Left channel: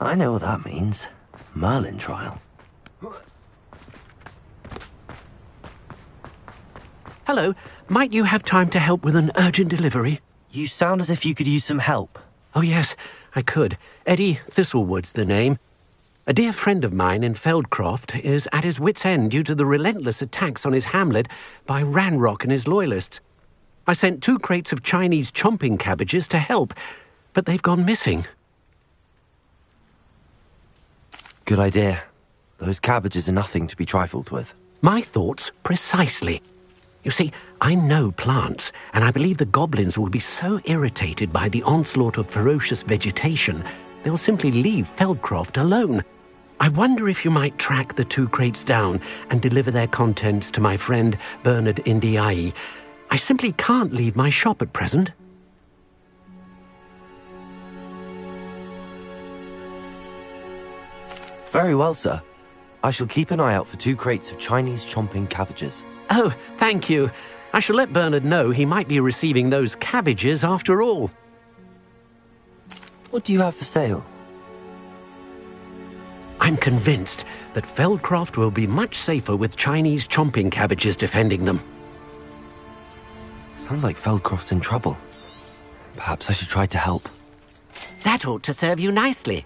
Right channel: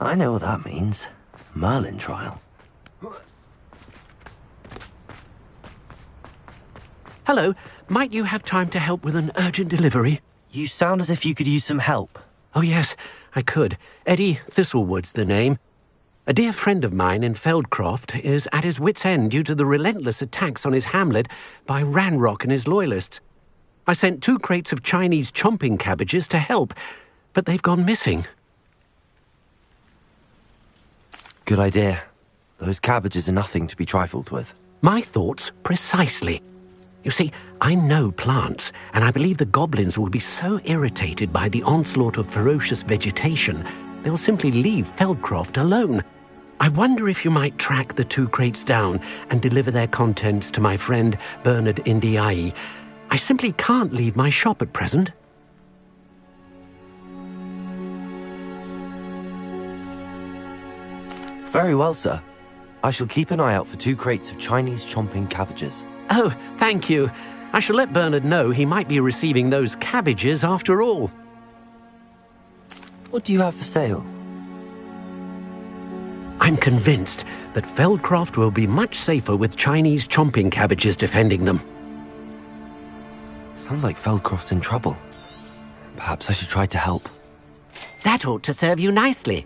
I know what that means. Merlin trial. Hello, might you have time to help with an urgent delivery? You sound as if you could use some help. Oh yes, I could. Eddie Thistlewood's the name. A dear friend of mine in Feldcroft is at his wit's end due to the relentless attacks on his hamlet by Ranrock and his loyalists. I sent 2 crates of Chinese chomping cabbages to help, but they've gone missing. Good idea. Those cabbages are nothing to be trifled with. My thoughts precisely. You see, I know plants, and I believe the goblins will be so irritated by the onslaught of ferocious vegetation, they'll simply leave Feldcroft alone. I wonder if you might track the 2 crates down and deliver their contents to my friend Bernard Indiai. I simply can't leave my shop at present. Very well, sir. I shall keep an eye out for 2 crates of Chinese chomping cabbages. Oh, thank you. I shall let Bernard know he might be receiving those cabbages after all. What do you have for sale? I'm convinced that Feldcroft will be much safer with Chinese chomping cabbages defending them. Sounds like Feldcroft's in trouble. Perhaps I should try to help. That ought to serve you nicely.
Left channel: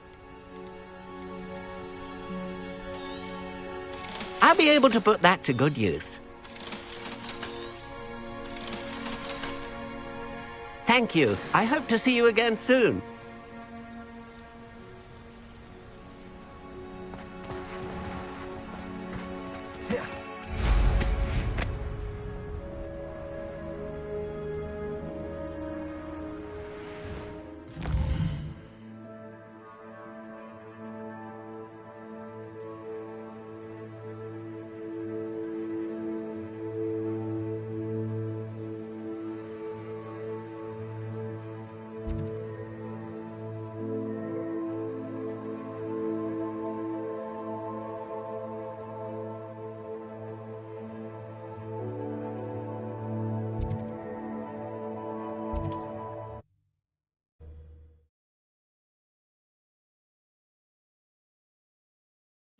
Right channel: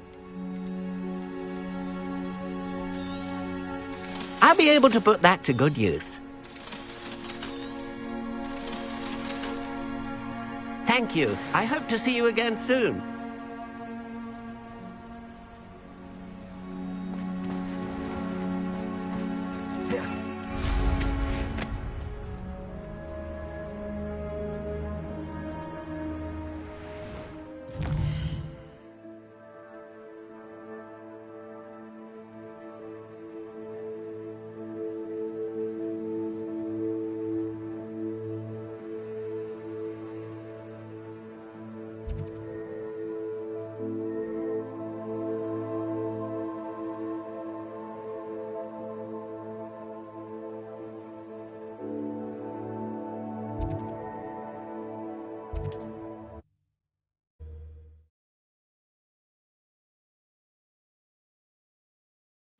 I'll be able to put that to good use. Thank you. I hope to see you again soon.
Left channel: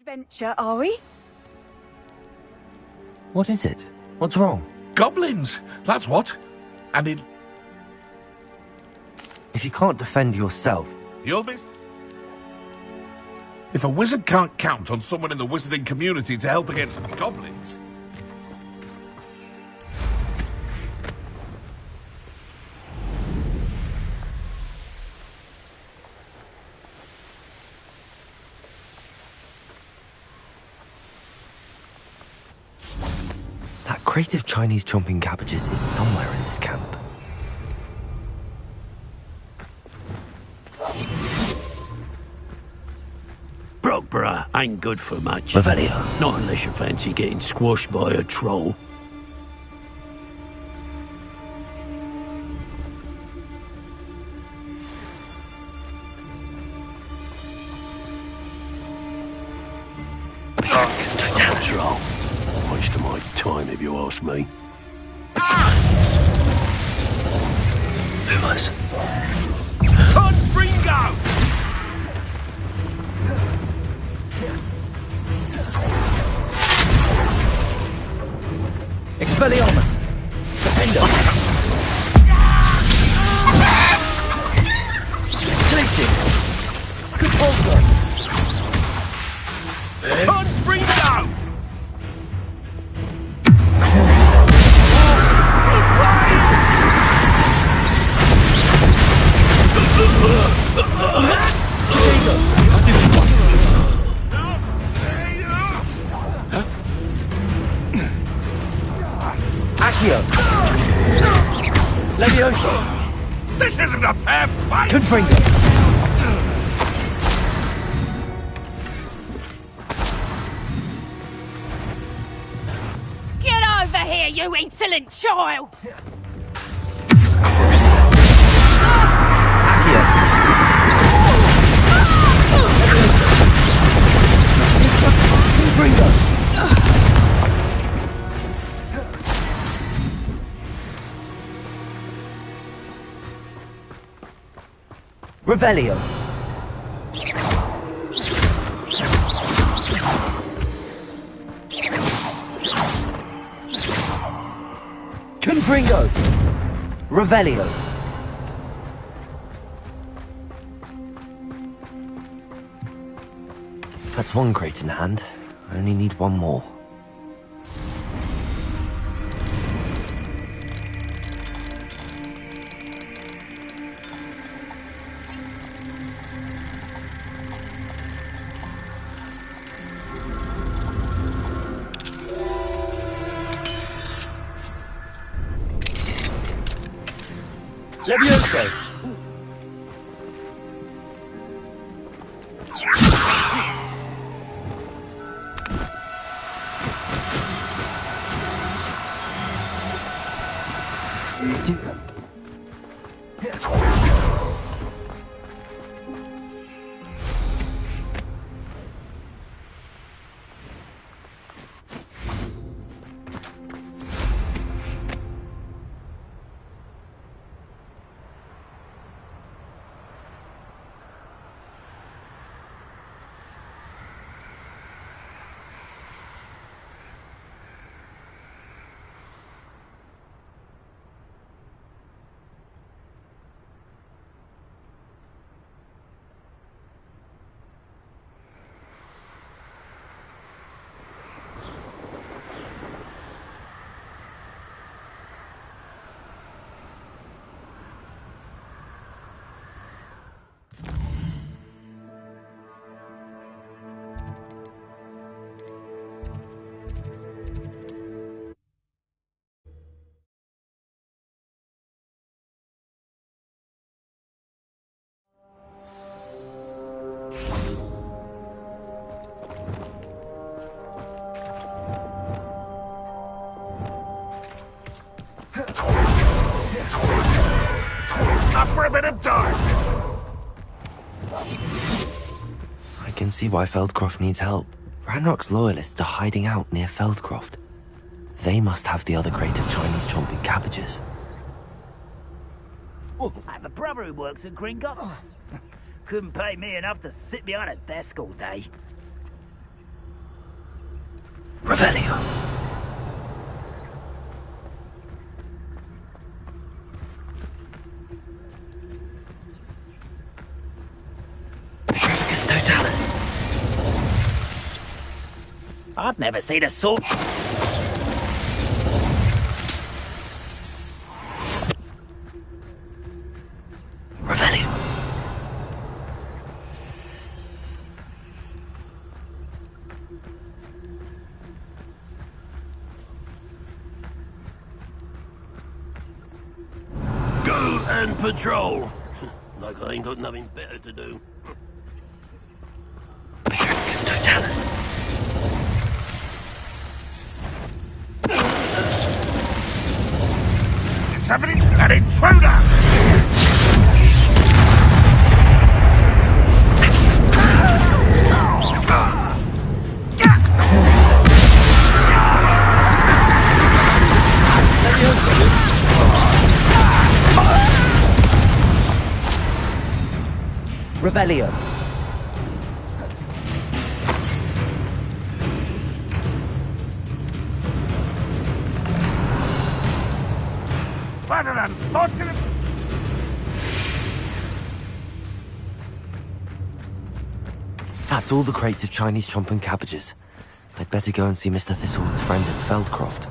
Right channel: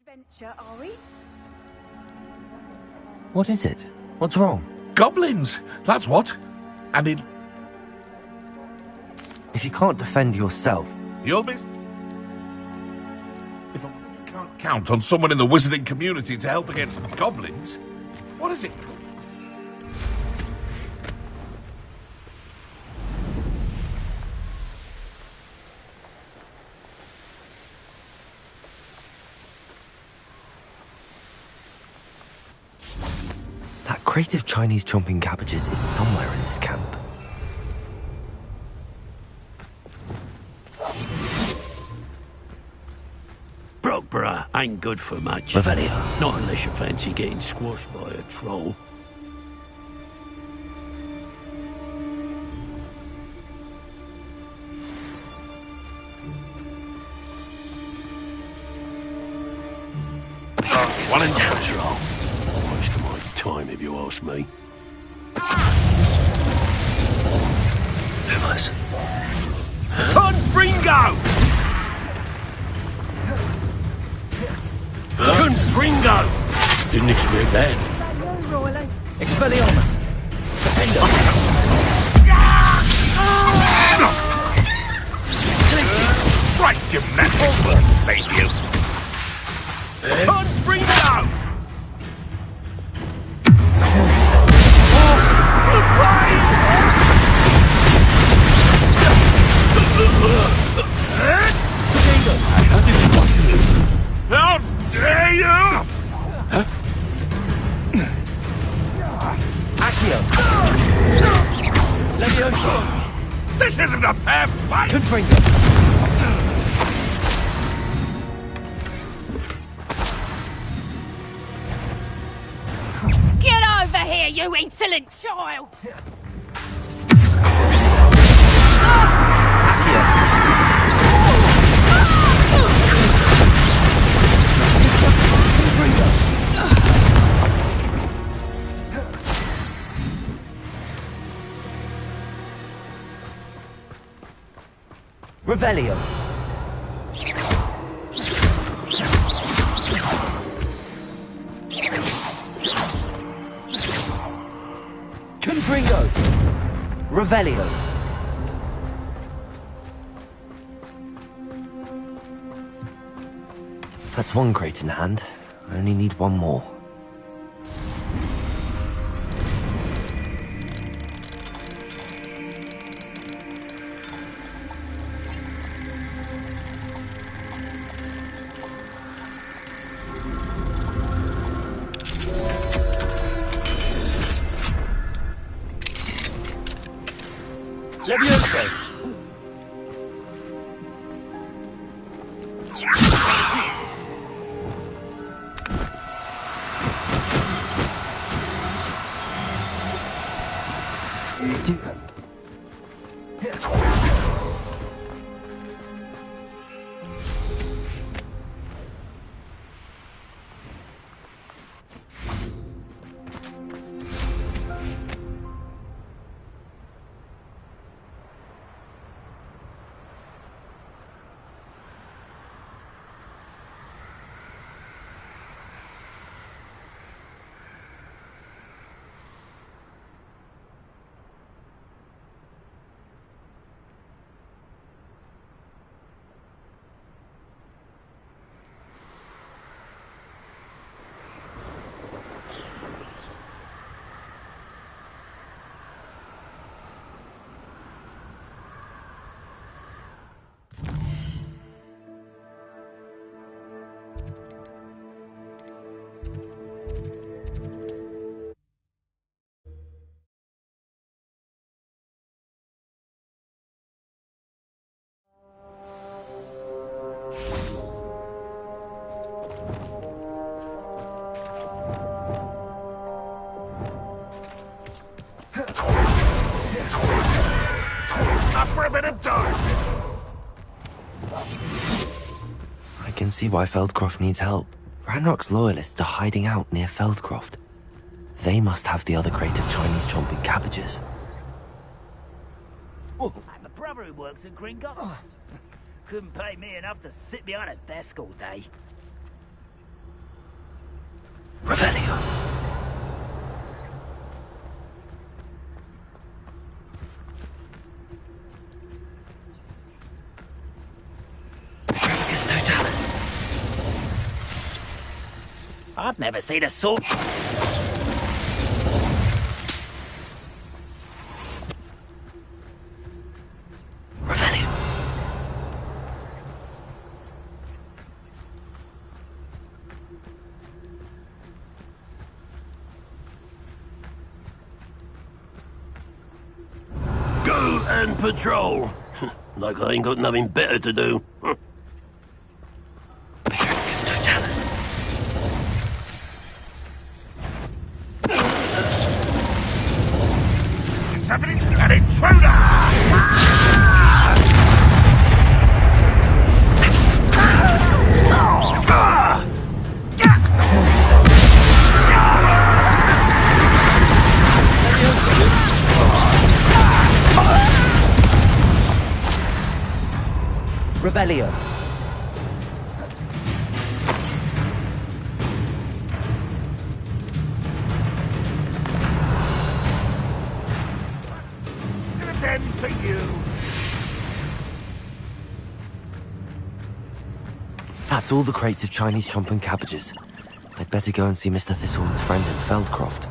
Adventure, are we? What is it? What's wrong? Goblins! That's what. And If you can't defend yourself... you'll be... If a wizard can't count on someone in the wizarding community to help against goblins, what is it? That crate of Chinese chomping cabbages is somewhere in this camp. Brockborough ain't good for much. Revelio. Not unless you fancy getting squashed by a troll. Troll. Waste of my time if you ask me. Lumos. Confringo! Confringo! Didn't expect that. Expelliarmus. Defender. Glacius. Strike him, let's save you. Confringo! How dare you! Accio. Levioso. This isn't a fair fight! Confringo. Get over here, you insolent child! Revelio. Revelio. That's one crate in hand. I only need one more. Levioso! For a bit of dark. I can see why Feldcroft needs help. Ranrock's loyalists are hiding out near Feldcroft. They must have the other crate of Chinese chomping cabbages. I have a brother who works at Gringotts. Couldn't pay me enough to sit behind a desk all day. Revelio. Totalis. I've never seen a sword. Revelio. Go and patrol. Like I ain't got nothing better to do. Totalis. Somebody, an intruder! Revelio. What an unfortunate end for you. That's all the crates of Chinese chomping cabbages. I'd better go and see Mr. Thistlewood's friend in Feldcroft.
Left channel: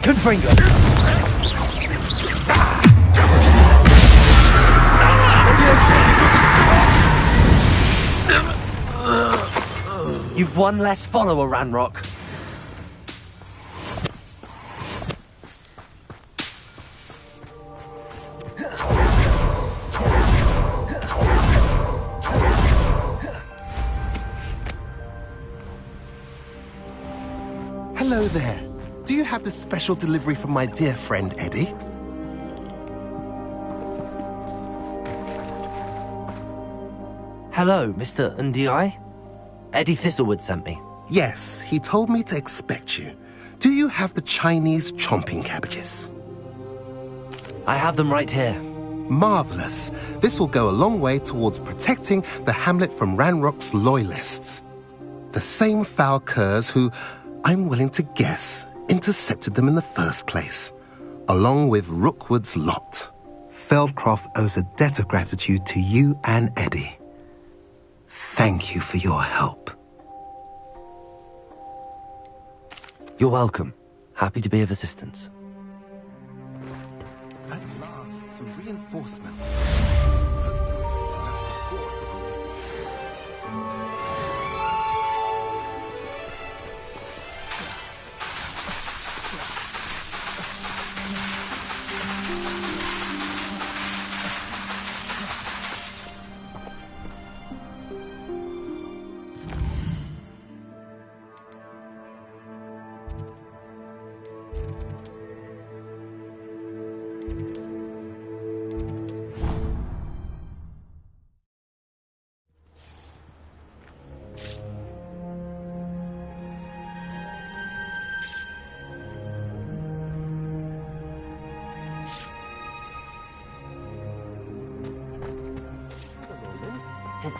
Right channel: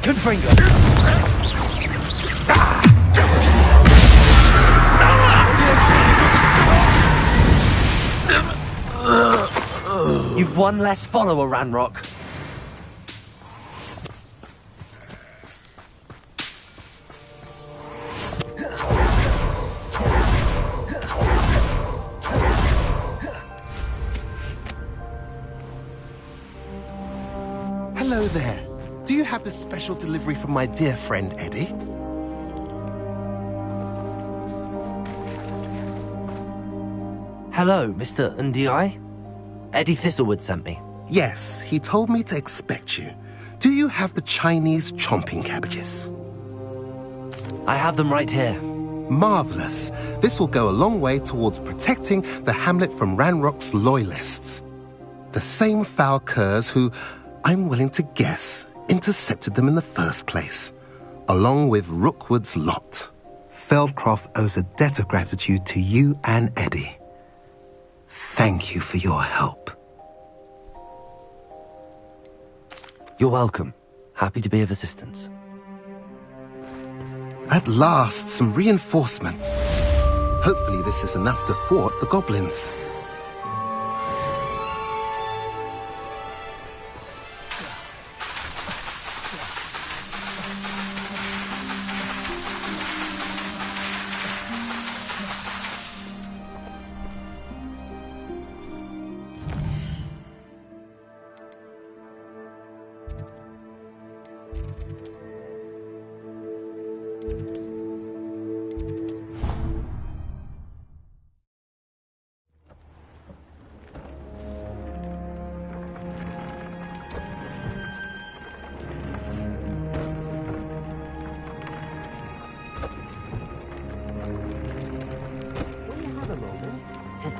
Confringo. You've one less follower, Ranrock. Hello there. Do you have the special delivery from my dear friend Eddie? Hello, Mr. Ndi? Eddie Thistlewood sent me. Yes, he told me to expect you. Do you have the Chinese chomping cabbages? I have them right here. Marvelous. This will go a long way towards protecting the hamlet from Ranrock's loyalists. The same foul curs who, I'm willing to guess, intercepted them in the first place, along with Rookwood's lot. Feldcroft owes a debt of gratitude to you and Eddie. Thank you for your help. You're welcome. Happy to be of assistance. At last, some reinforcements. Hopefully this is enough to thwart the goblins.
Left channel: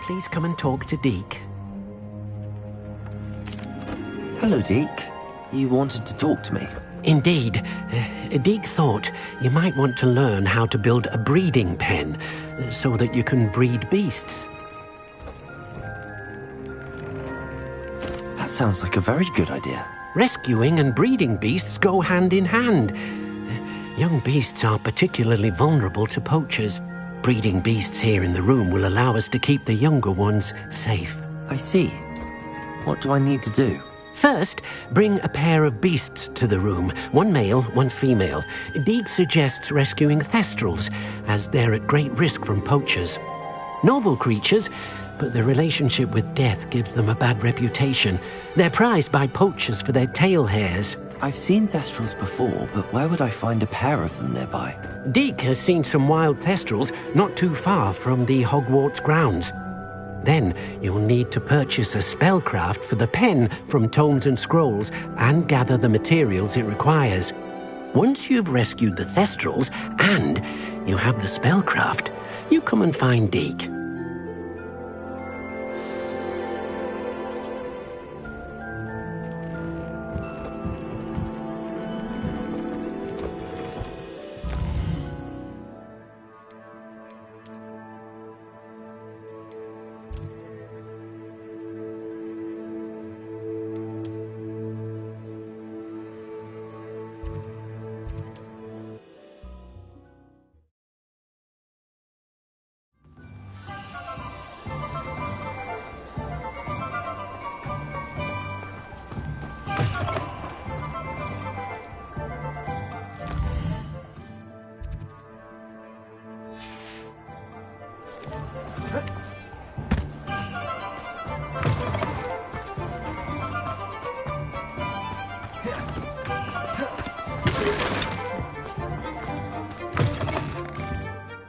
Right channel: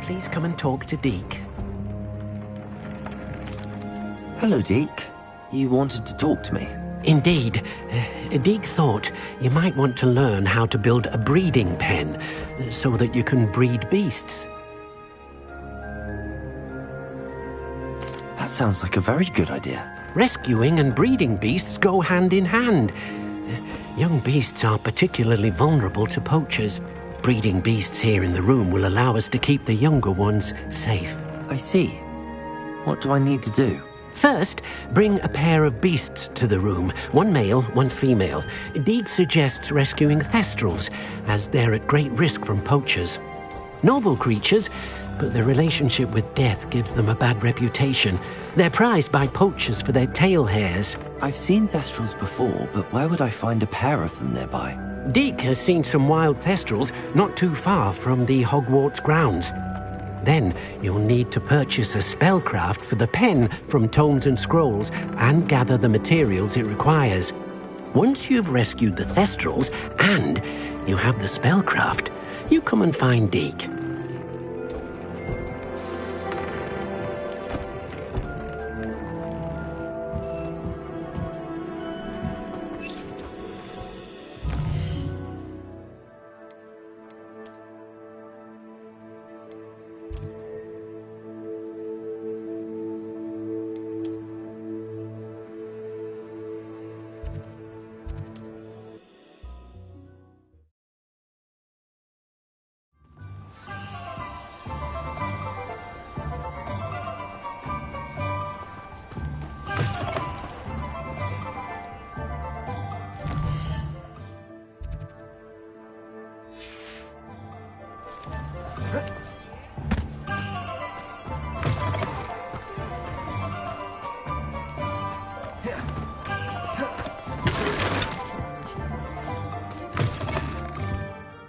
Please come and talk to Deke. Hello, Deke. You wanted to talk to me? Indeed. Deke thought you might want to learn how to build a breeding pen so that you can breed beasts. That sounds like a very good idea. Rescuing and breeding beasts go hand in hand. Young beasts are particularly vulnerable to poachers. Breeding beasts here in the room will allow us to keep the younger ones safe. I see. What do I need to do? First, bring a pair of beasts to the room. One male, one female. Deke suggests rescuing thestrals, as they're at great risk from poachers. Noble creatures, but their relationship with death gives them a bad reputation. They're prized by poachers for their tail hairs. I've seen thestrals before, but where would I find a pair of them nearby? Deke has seen some wild thestrals not too far from the Hogwarts grounds. Then you'll need to purchase a spellcraft for the pen from Tomes and Scrolls and gather the materials it requires. Once you've rescued the thestrals and you have the spellcraft, you come and find Deke.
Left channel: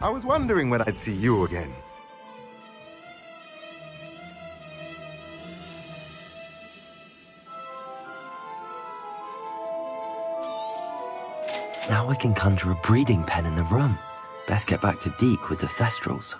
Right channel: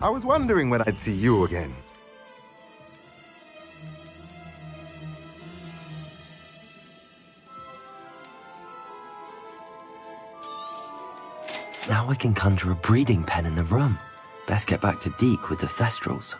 I was wondering when I'd see you again. Now I can conjure a breeding pen in the room. Best get back to Deke with the thestrals.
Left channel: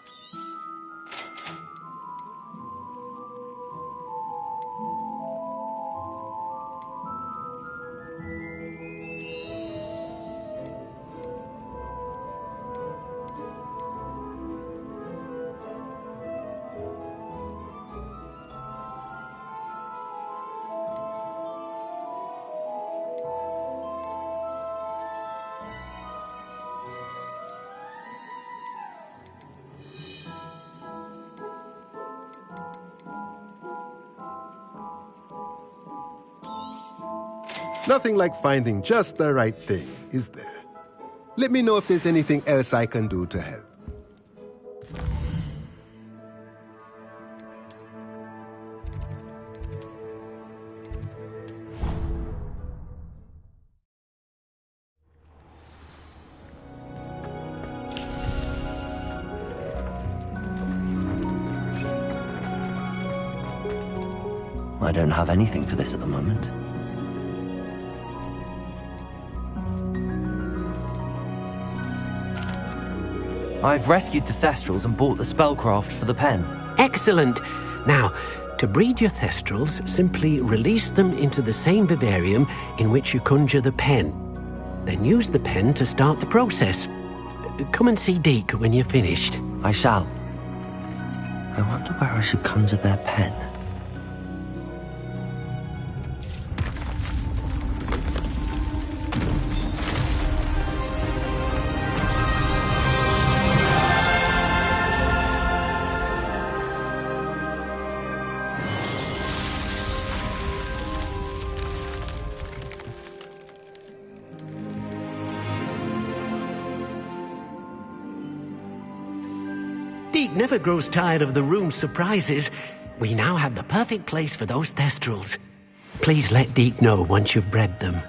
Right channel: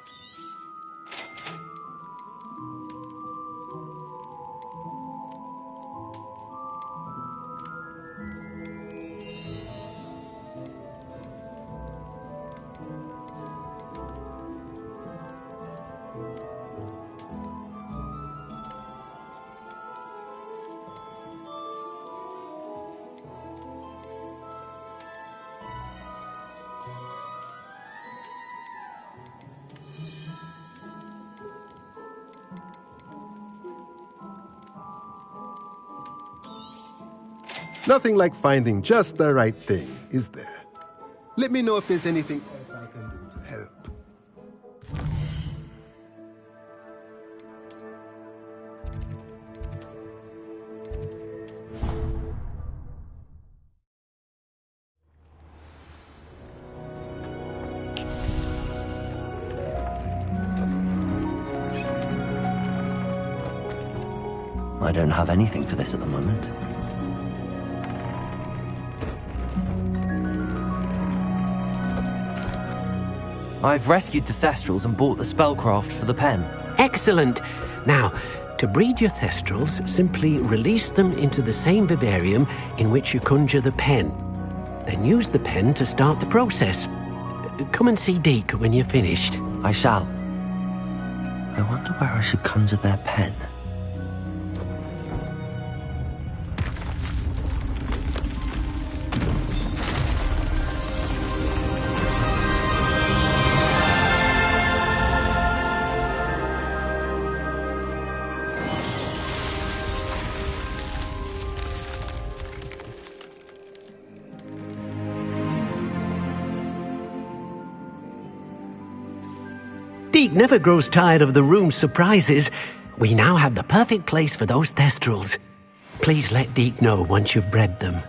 Nothing like finding just the right thing, is there? Let me know if there's anything else I can do to help. I don't have anything for this at the moment. I've rescued the Thestrals and bought the spellcraft for the pen. Excellent! Now, to breed your Thestrals, simply release them into the same vivarium in which you conjure the pen. Then use the pen to start the process. Come and see Deke when you're finished. I shall. I wonder where I should conjure their pen. Deke never grows tired of the room's surprises. We now have the perfect place for those Thestrals. Please let Deke know once you've bred them.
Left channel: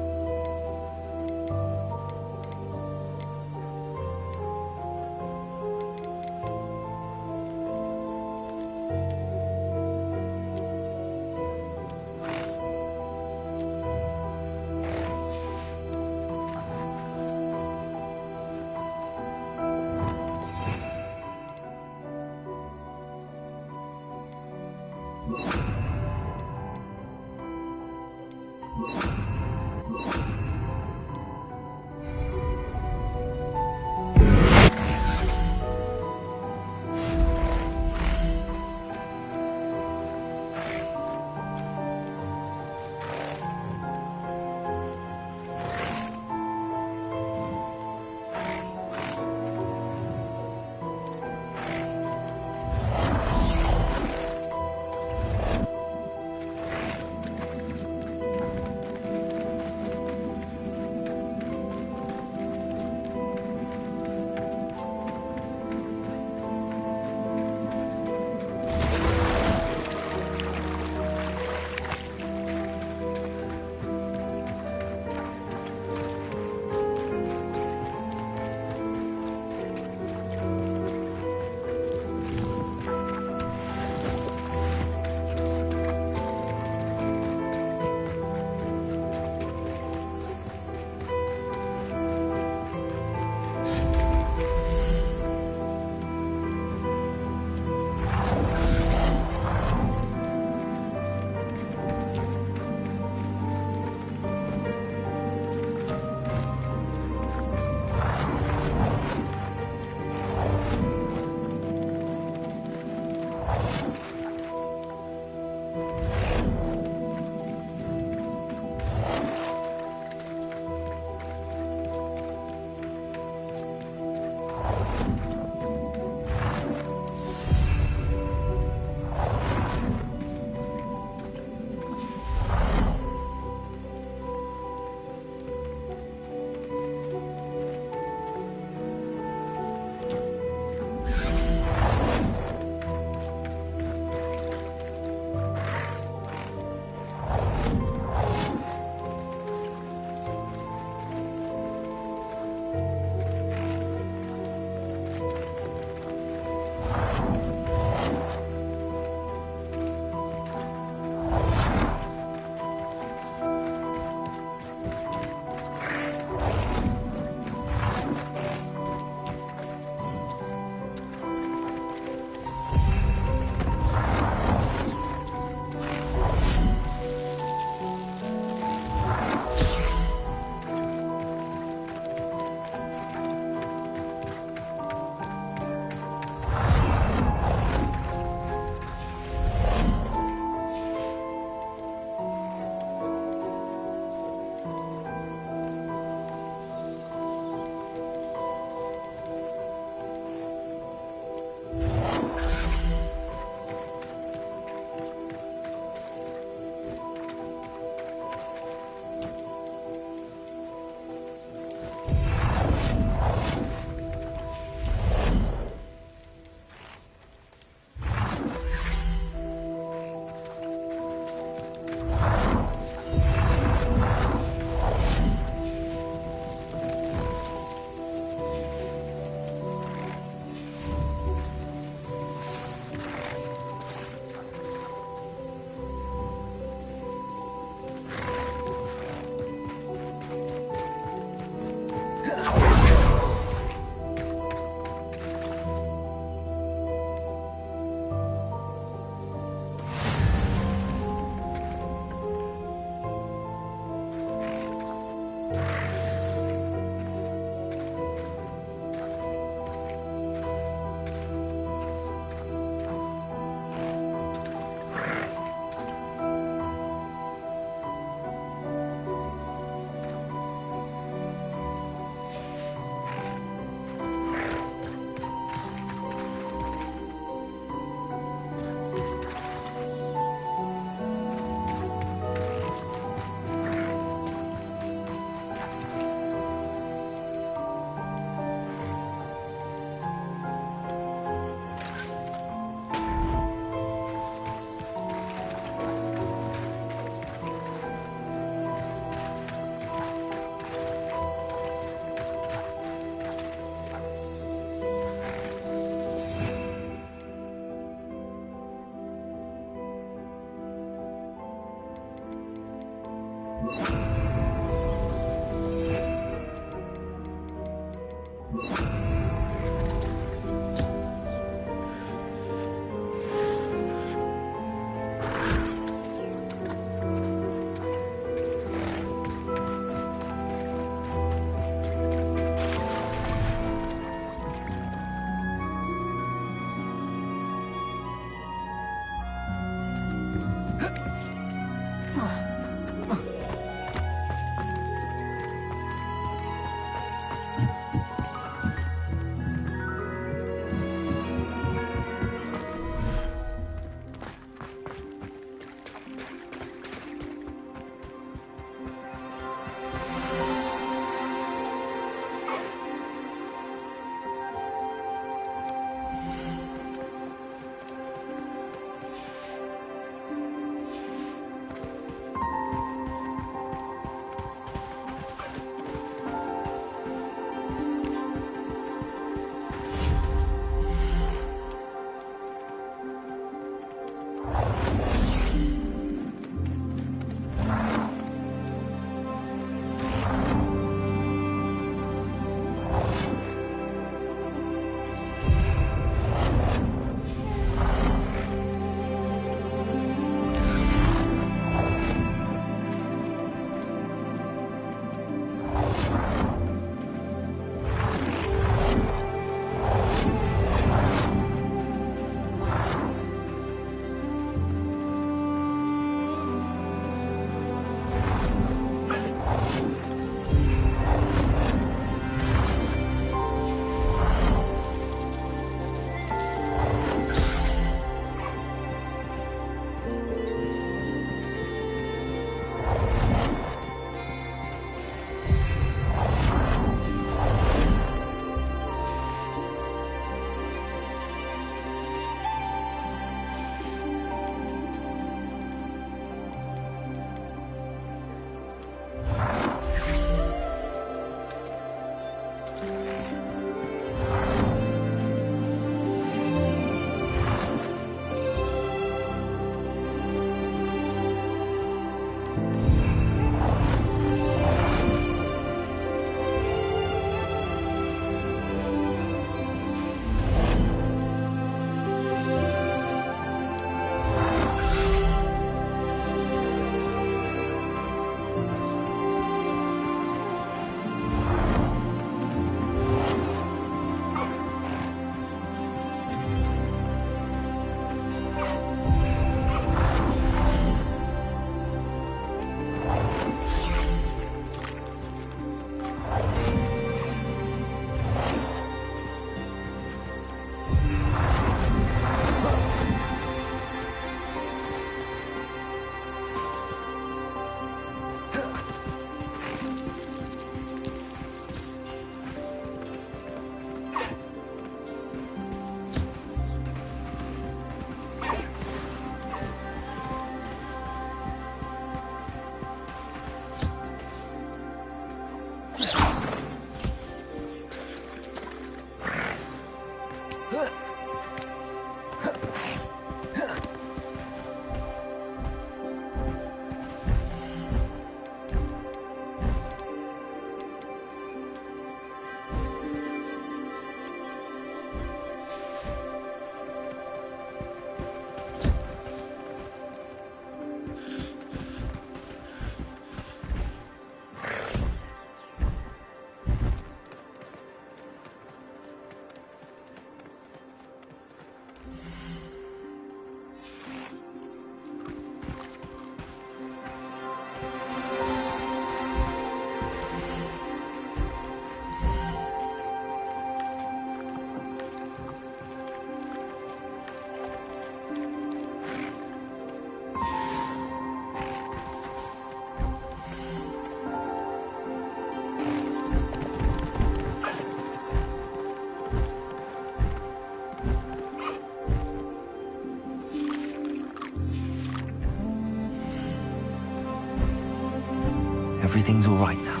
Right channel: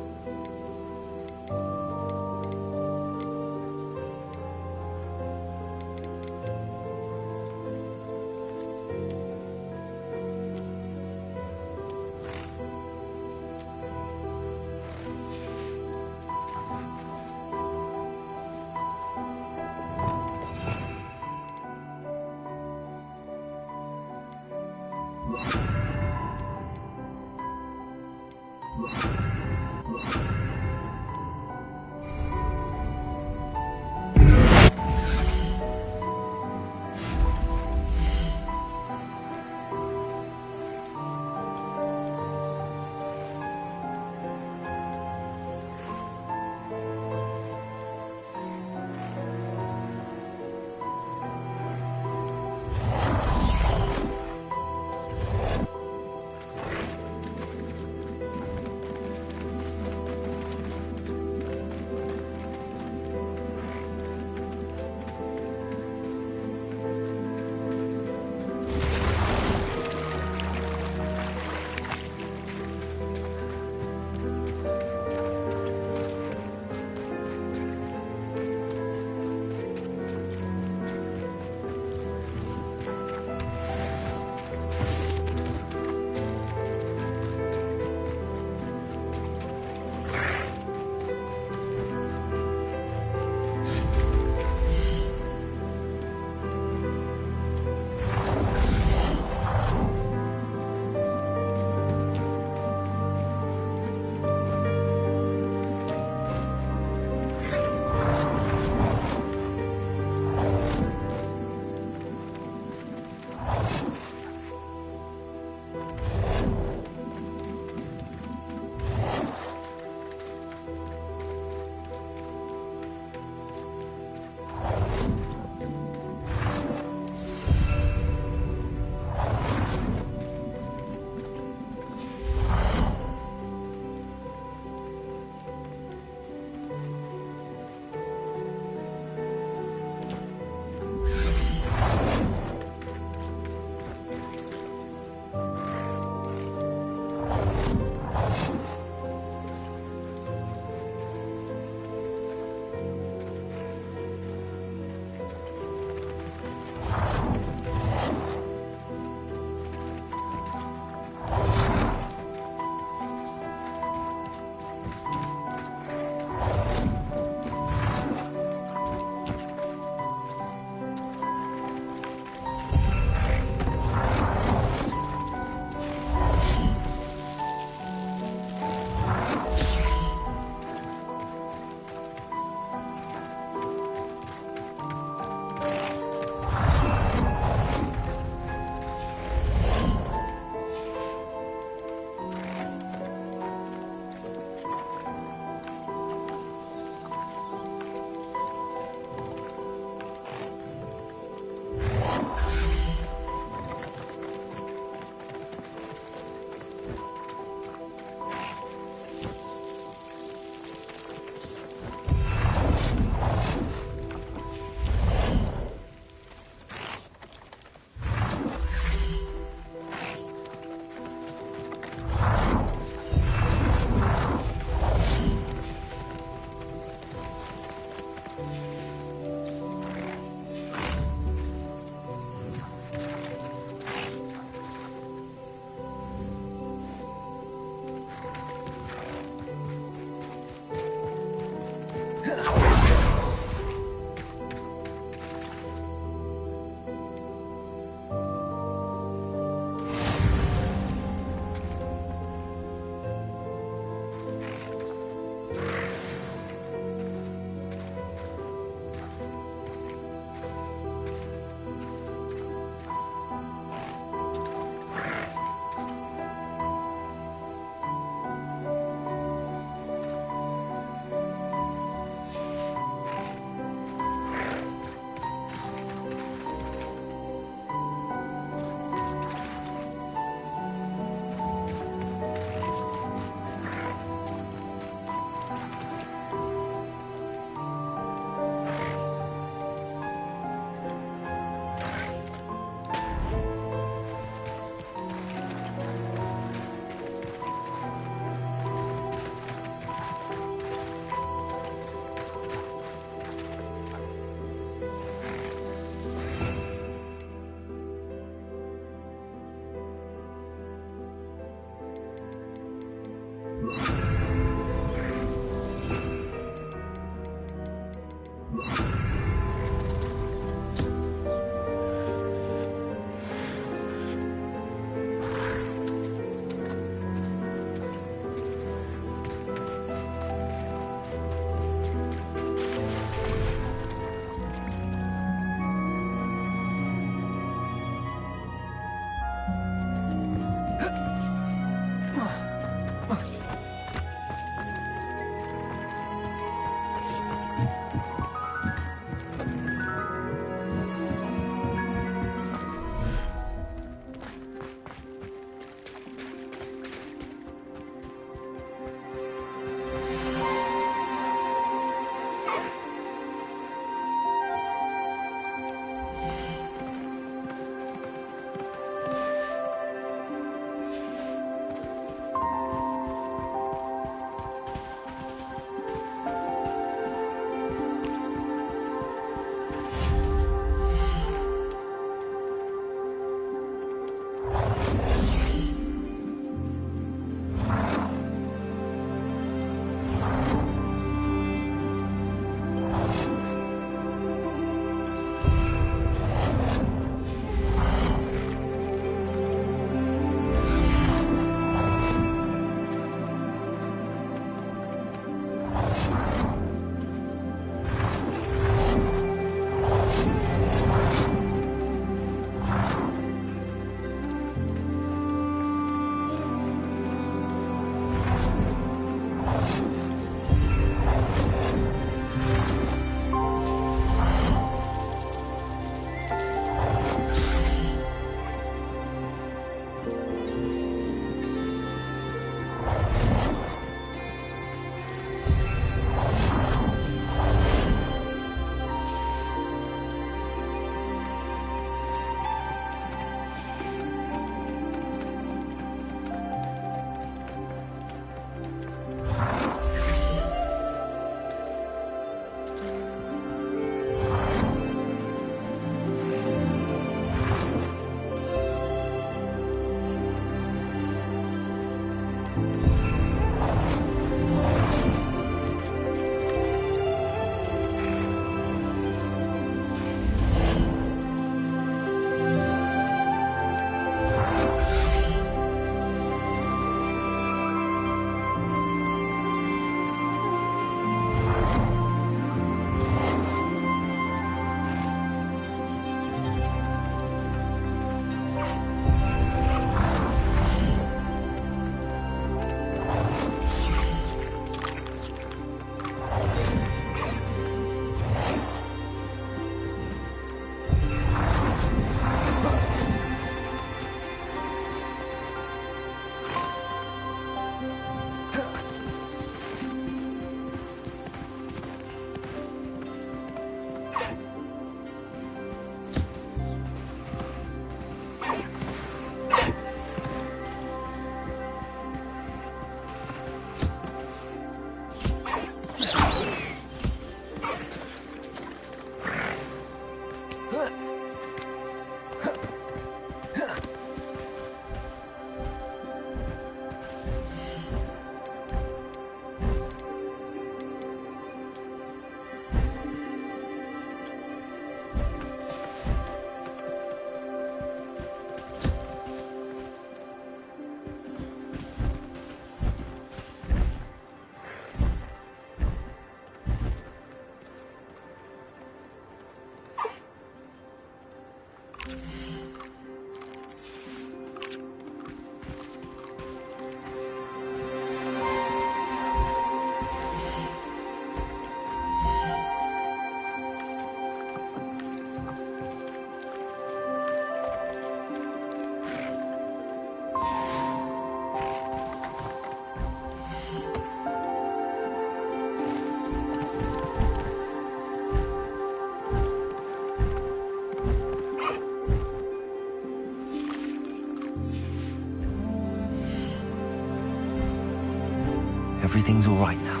Everything's all right now.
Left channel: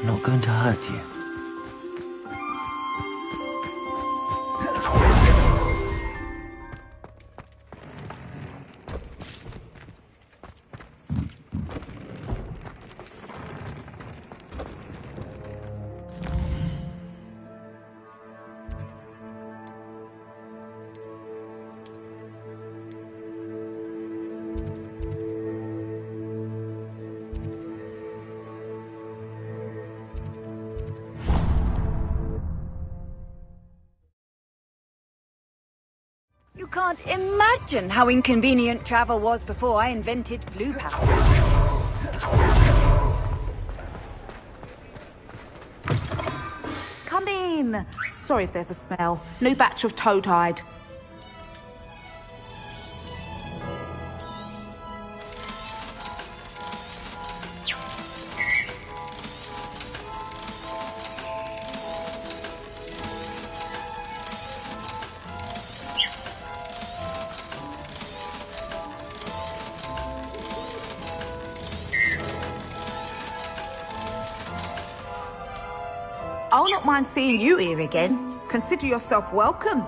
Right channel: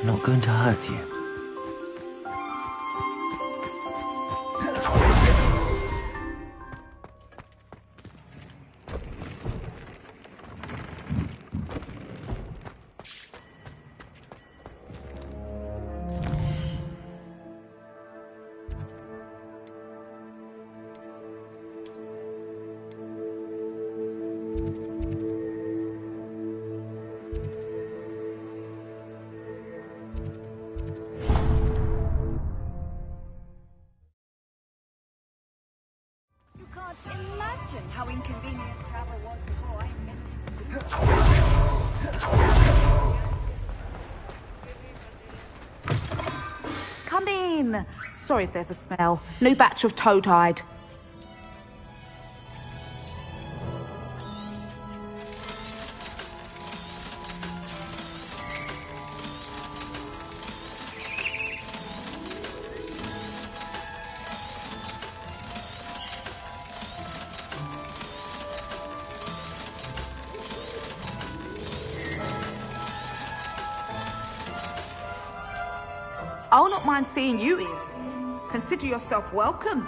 I'm not going to hurt you. You can't imagine how inconvenient travel was before I invented flu power. Come in. Sorry if there's a smell. New batch of toad-hide. I'll not mind seeing you here again. Consider yourself welcome.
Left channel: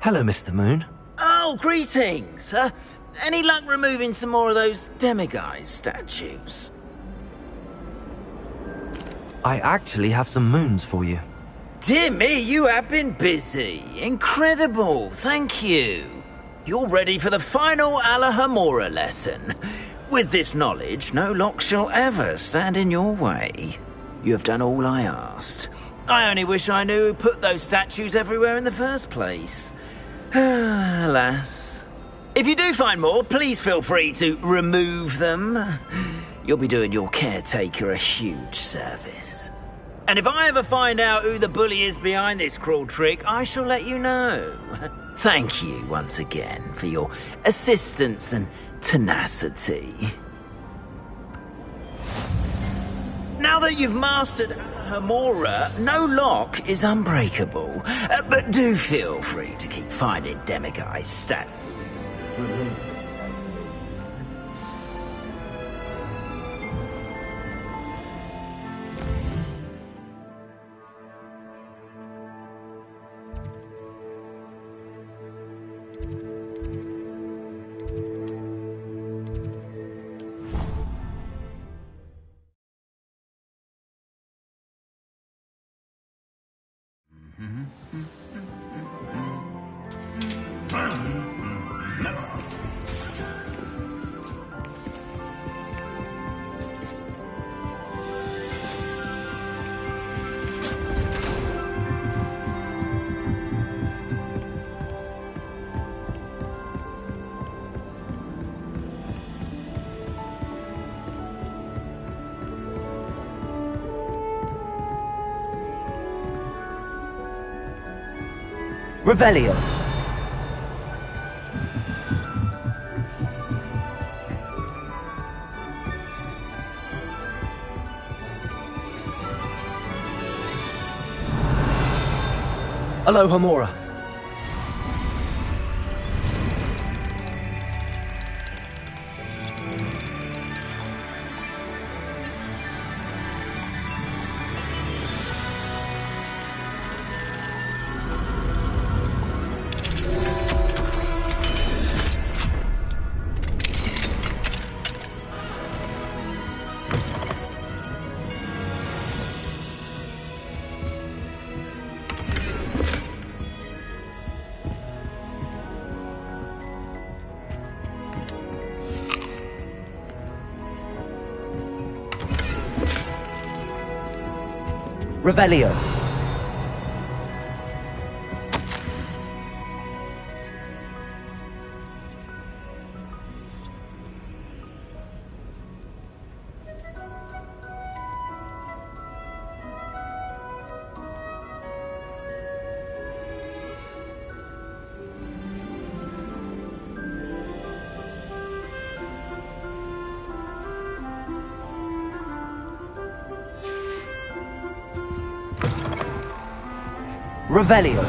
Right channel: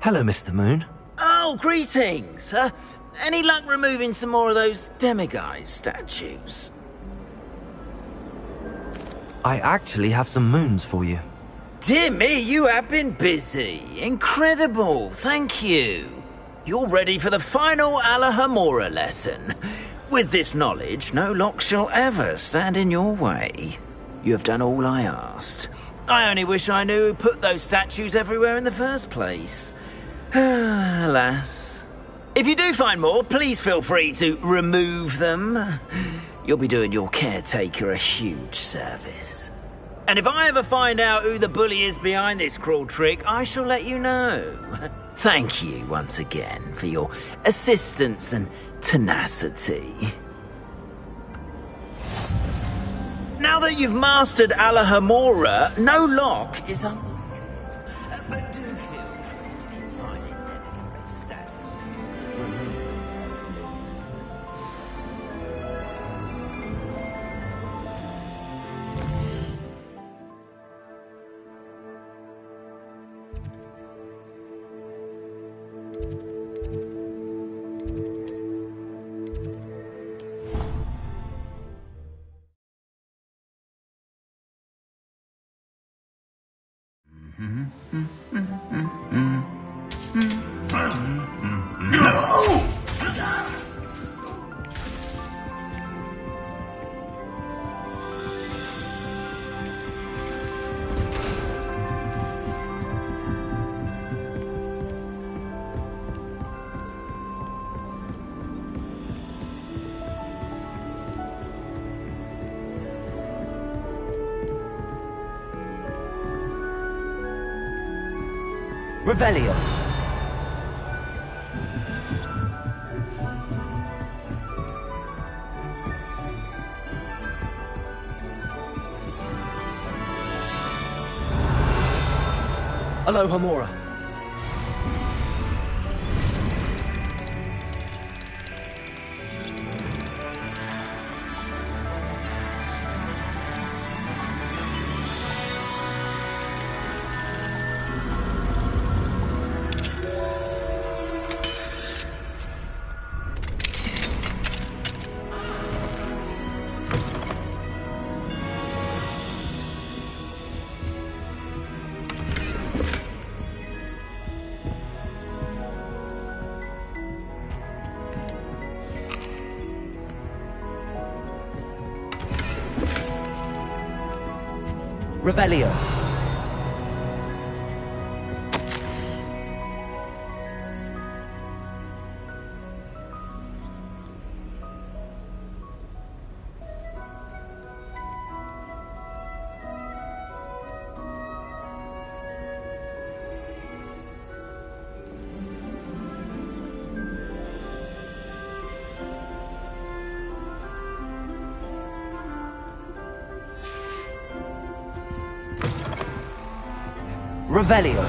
Hello, Mr. Moon. Oh, greetings! Any luck removing some more of those demiguise statues? I actually have some moons for you. Dear me, you have been busy. Incredible, thank you. You're ready for the final Alahamora lesson. With this knowledge, no lock shall ever stand in your way. You have done all I asked. I only wish I knew who put those statues everywhere in the first place. Alas. If you do find more, please feel free to remove them. You'll be doing your caretaker a huge service. And if I ever find out who the bully is behind this cruel trick, I shall let you know. Thank you once again for your assistance and tenacity. Now that you've mastered Alahamora, no lock is unbreakable. But do feel free to keep finding demiguise statues. Revelio. Aloha Mora. Revelio. Revelio.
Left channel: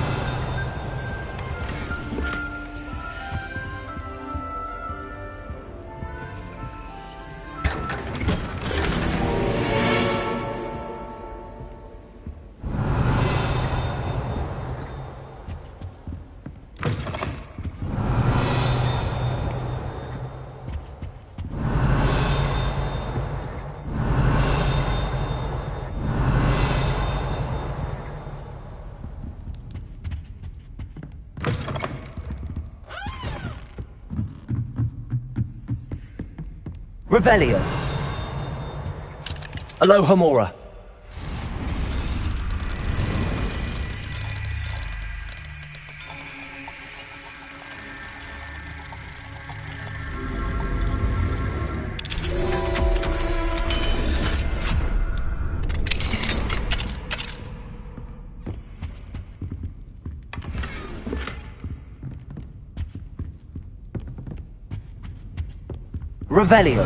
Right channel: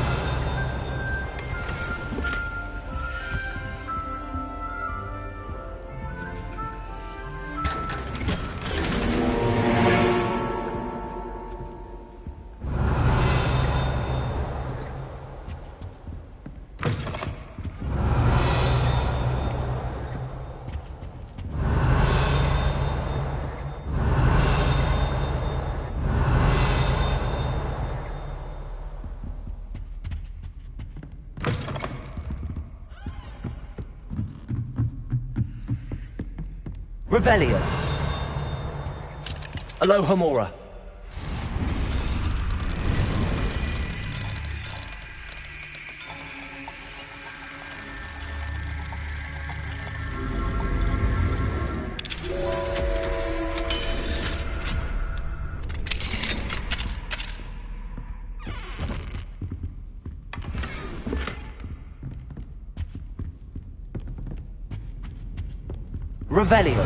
Revelio. Aloha Mora. Revelio.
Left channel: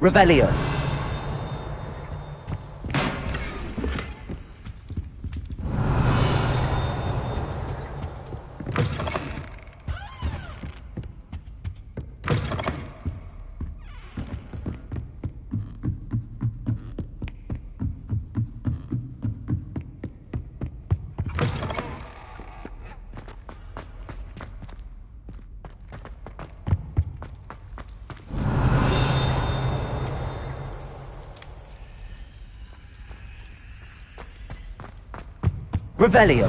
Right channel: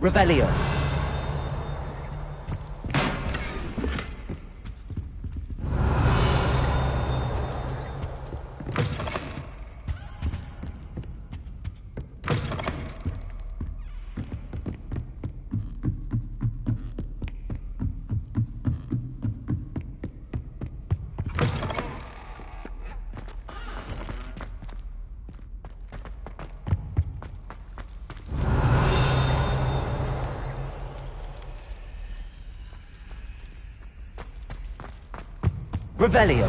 Revelio. Revelio.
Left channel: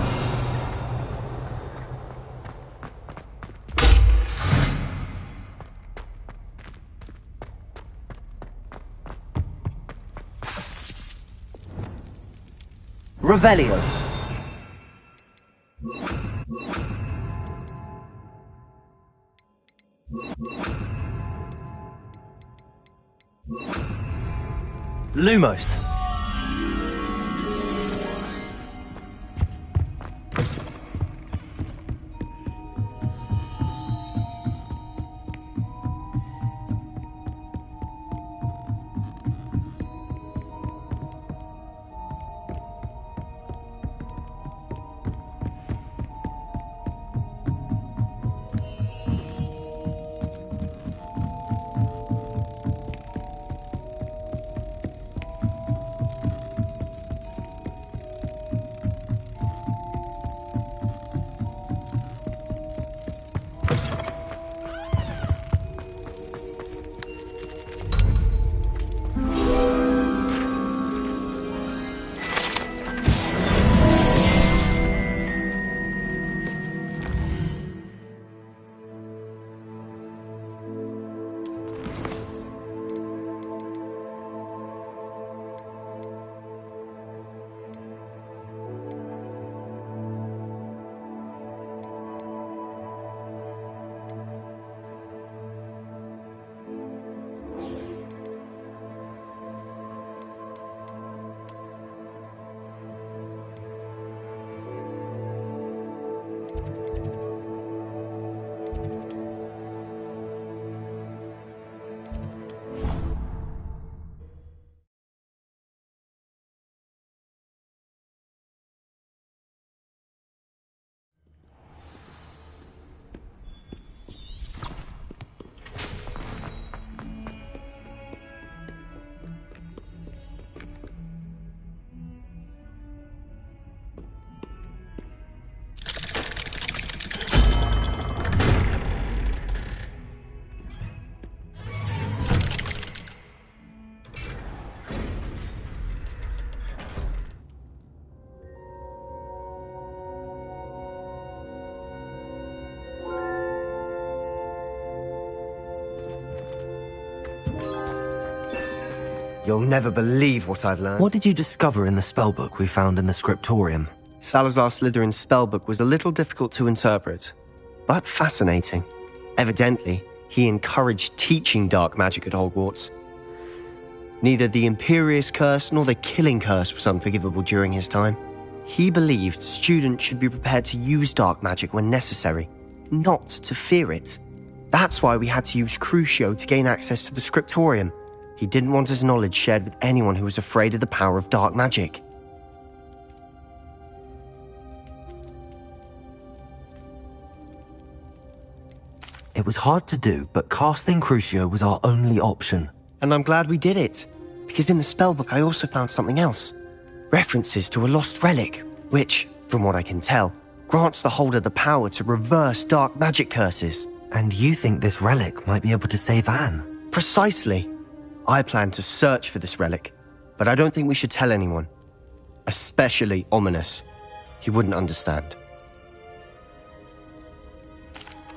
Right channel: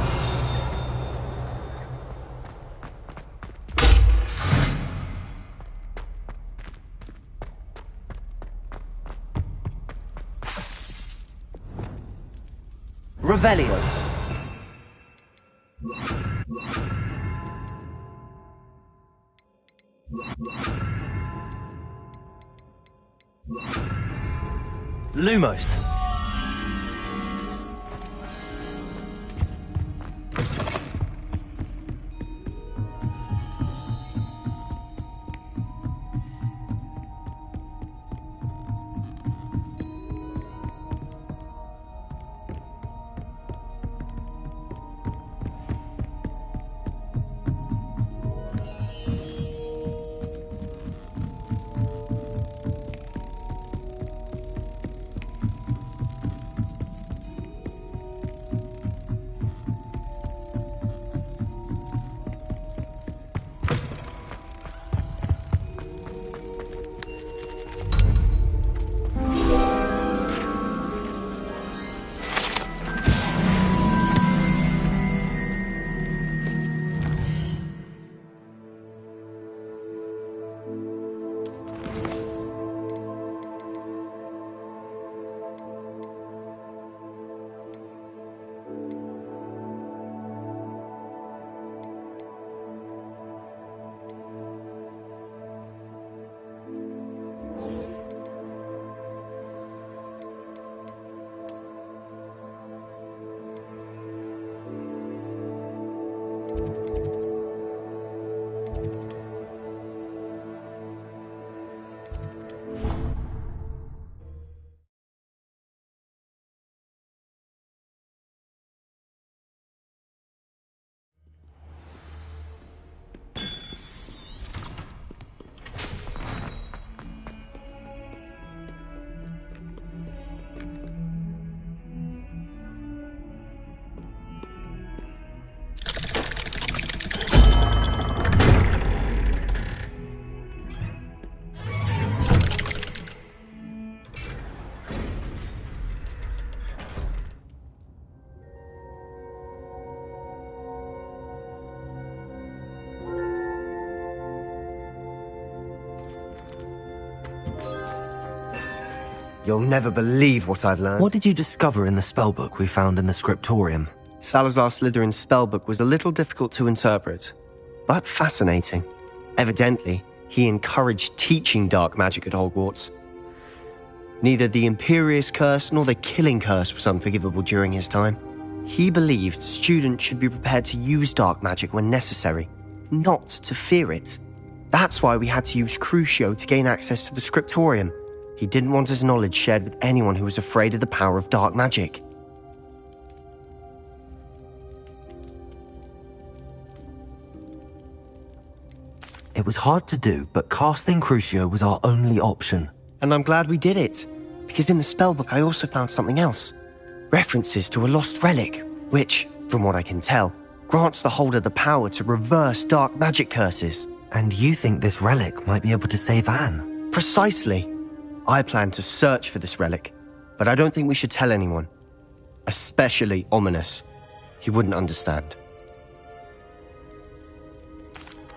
Revelio. Lumos. You'll never believe what I've learned. What did you discover in the spellbook we found in the scriptorium? Salazar Slytherin's spellbook was a little difficult to interpret, but fascinating. Evidently, he encouraged teaching dark magic at Hogwarts. Neither the Imperious Curse nor the Killing Curse was unforgivable during his time. He believed students should be prepared to use dark magic when necessary, not to fear it. That's why we had to use Crucio to gain access to the scriptorium. He didn't want his knowledge shared with anyone who was afraid of the power of dark magic. It was hard to do, but casting Crucio was our only option. And I'm glad we did it, because in the spellbook I also found something else. References to a lost relic, which, from what I can tell, grants the holder the power to reverse dark magic curses. And you think this relic might be able to save Anne? Precisely. I plan to search for this relic, but I don't think we should tell anyone. Especially Ominous. He wouldn't understand.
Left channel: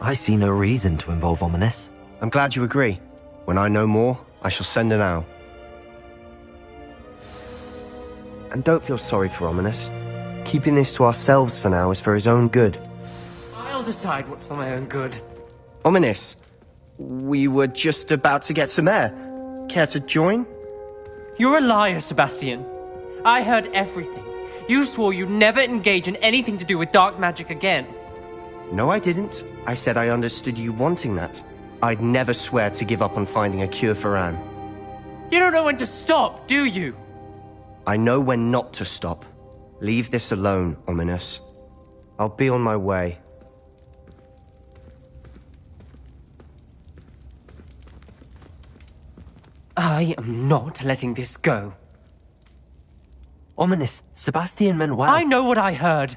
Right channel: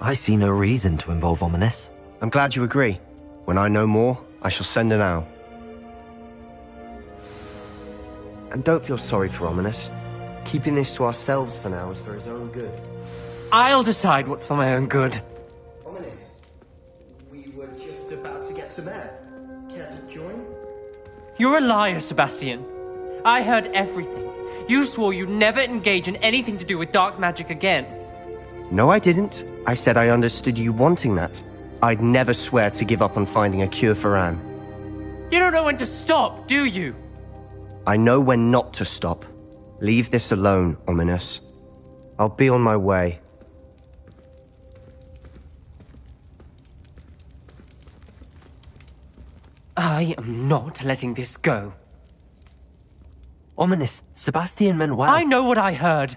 I see no reason to involve Ominous. I'm glad you agree. When I know more, I shall send an owl. And don't feel sorry for Ominous. Keeping this to ourselves for now is for his own good. I'll decide what's for my own good. Ominous, we were just about to get some air. Care to join? You're a liar, Sebastian. I heard everything. You swore you'd never engage in anything to do with dark magic again. No, I didn't. I said I understood you wanting that. I'd never swear to give up on finding a cure for Anne. You don't know when to stop, do you? I know when not to stop. Leave this alone, Ominous. I'll be on my way. I am not letting this go. Ominous, Sebastian meant well. I know what I heard.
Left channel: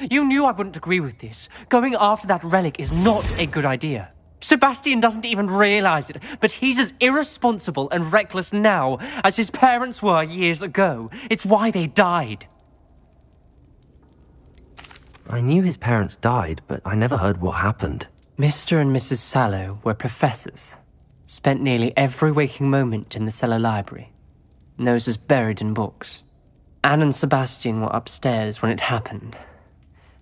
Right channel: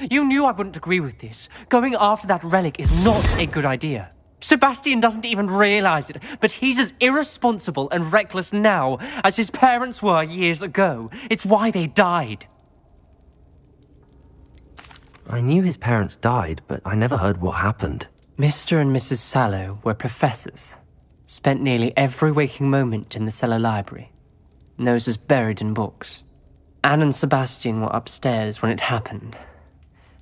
You knew I wouldn't agree with this. Going after that relic is not a good idea. Sebastian doesn't even realize it, but he's as irresponsible and reckless now as his parents were years ago. It's why they died. I knew his parents died, but I never heard what happened. Mr. and Mrs. Sallow were professors. Spent nearly every waking moment in the cellar library. Noses buried in books. Anne and Sebastian were upstairs when it happened.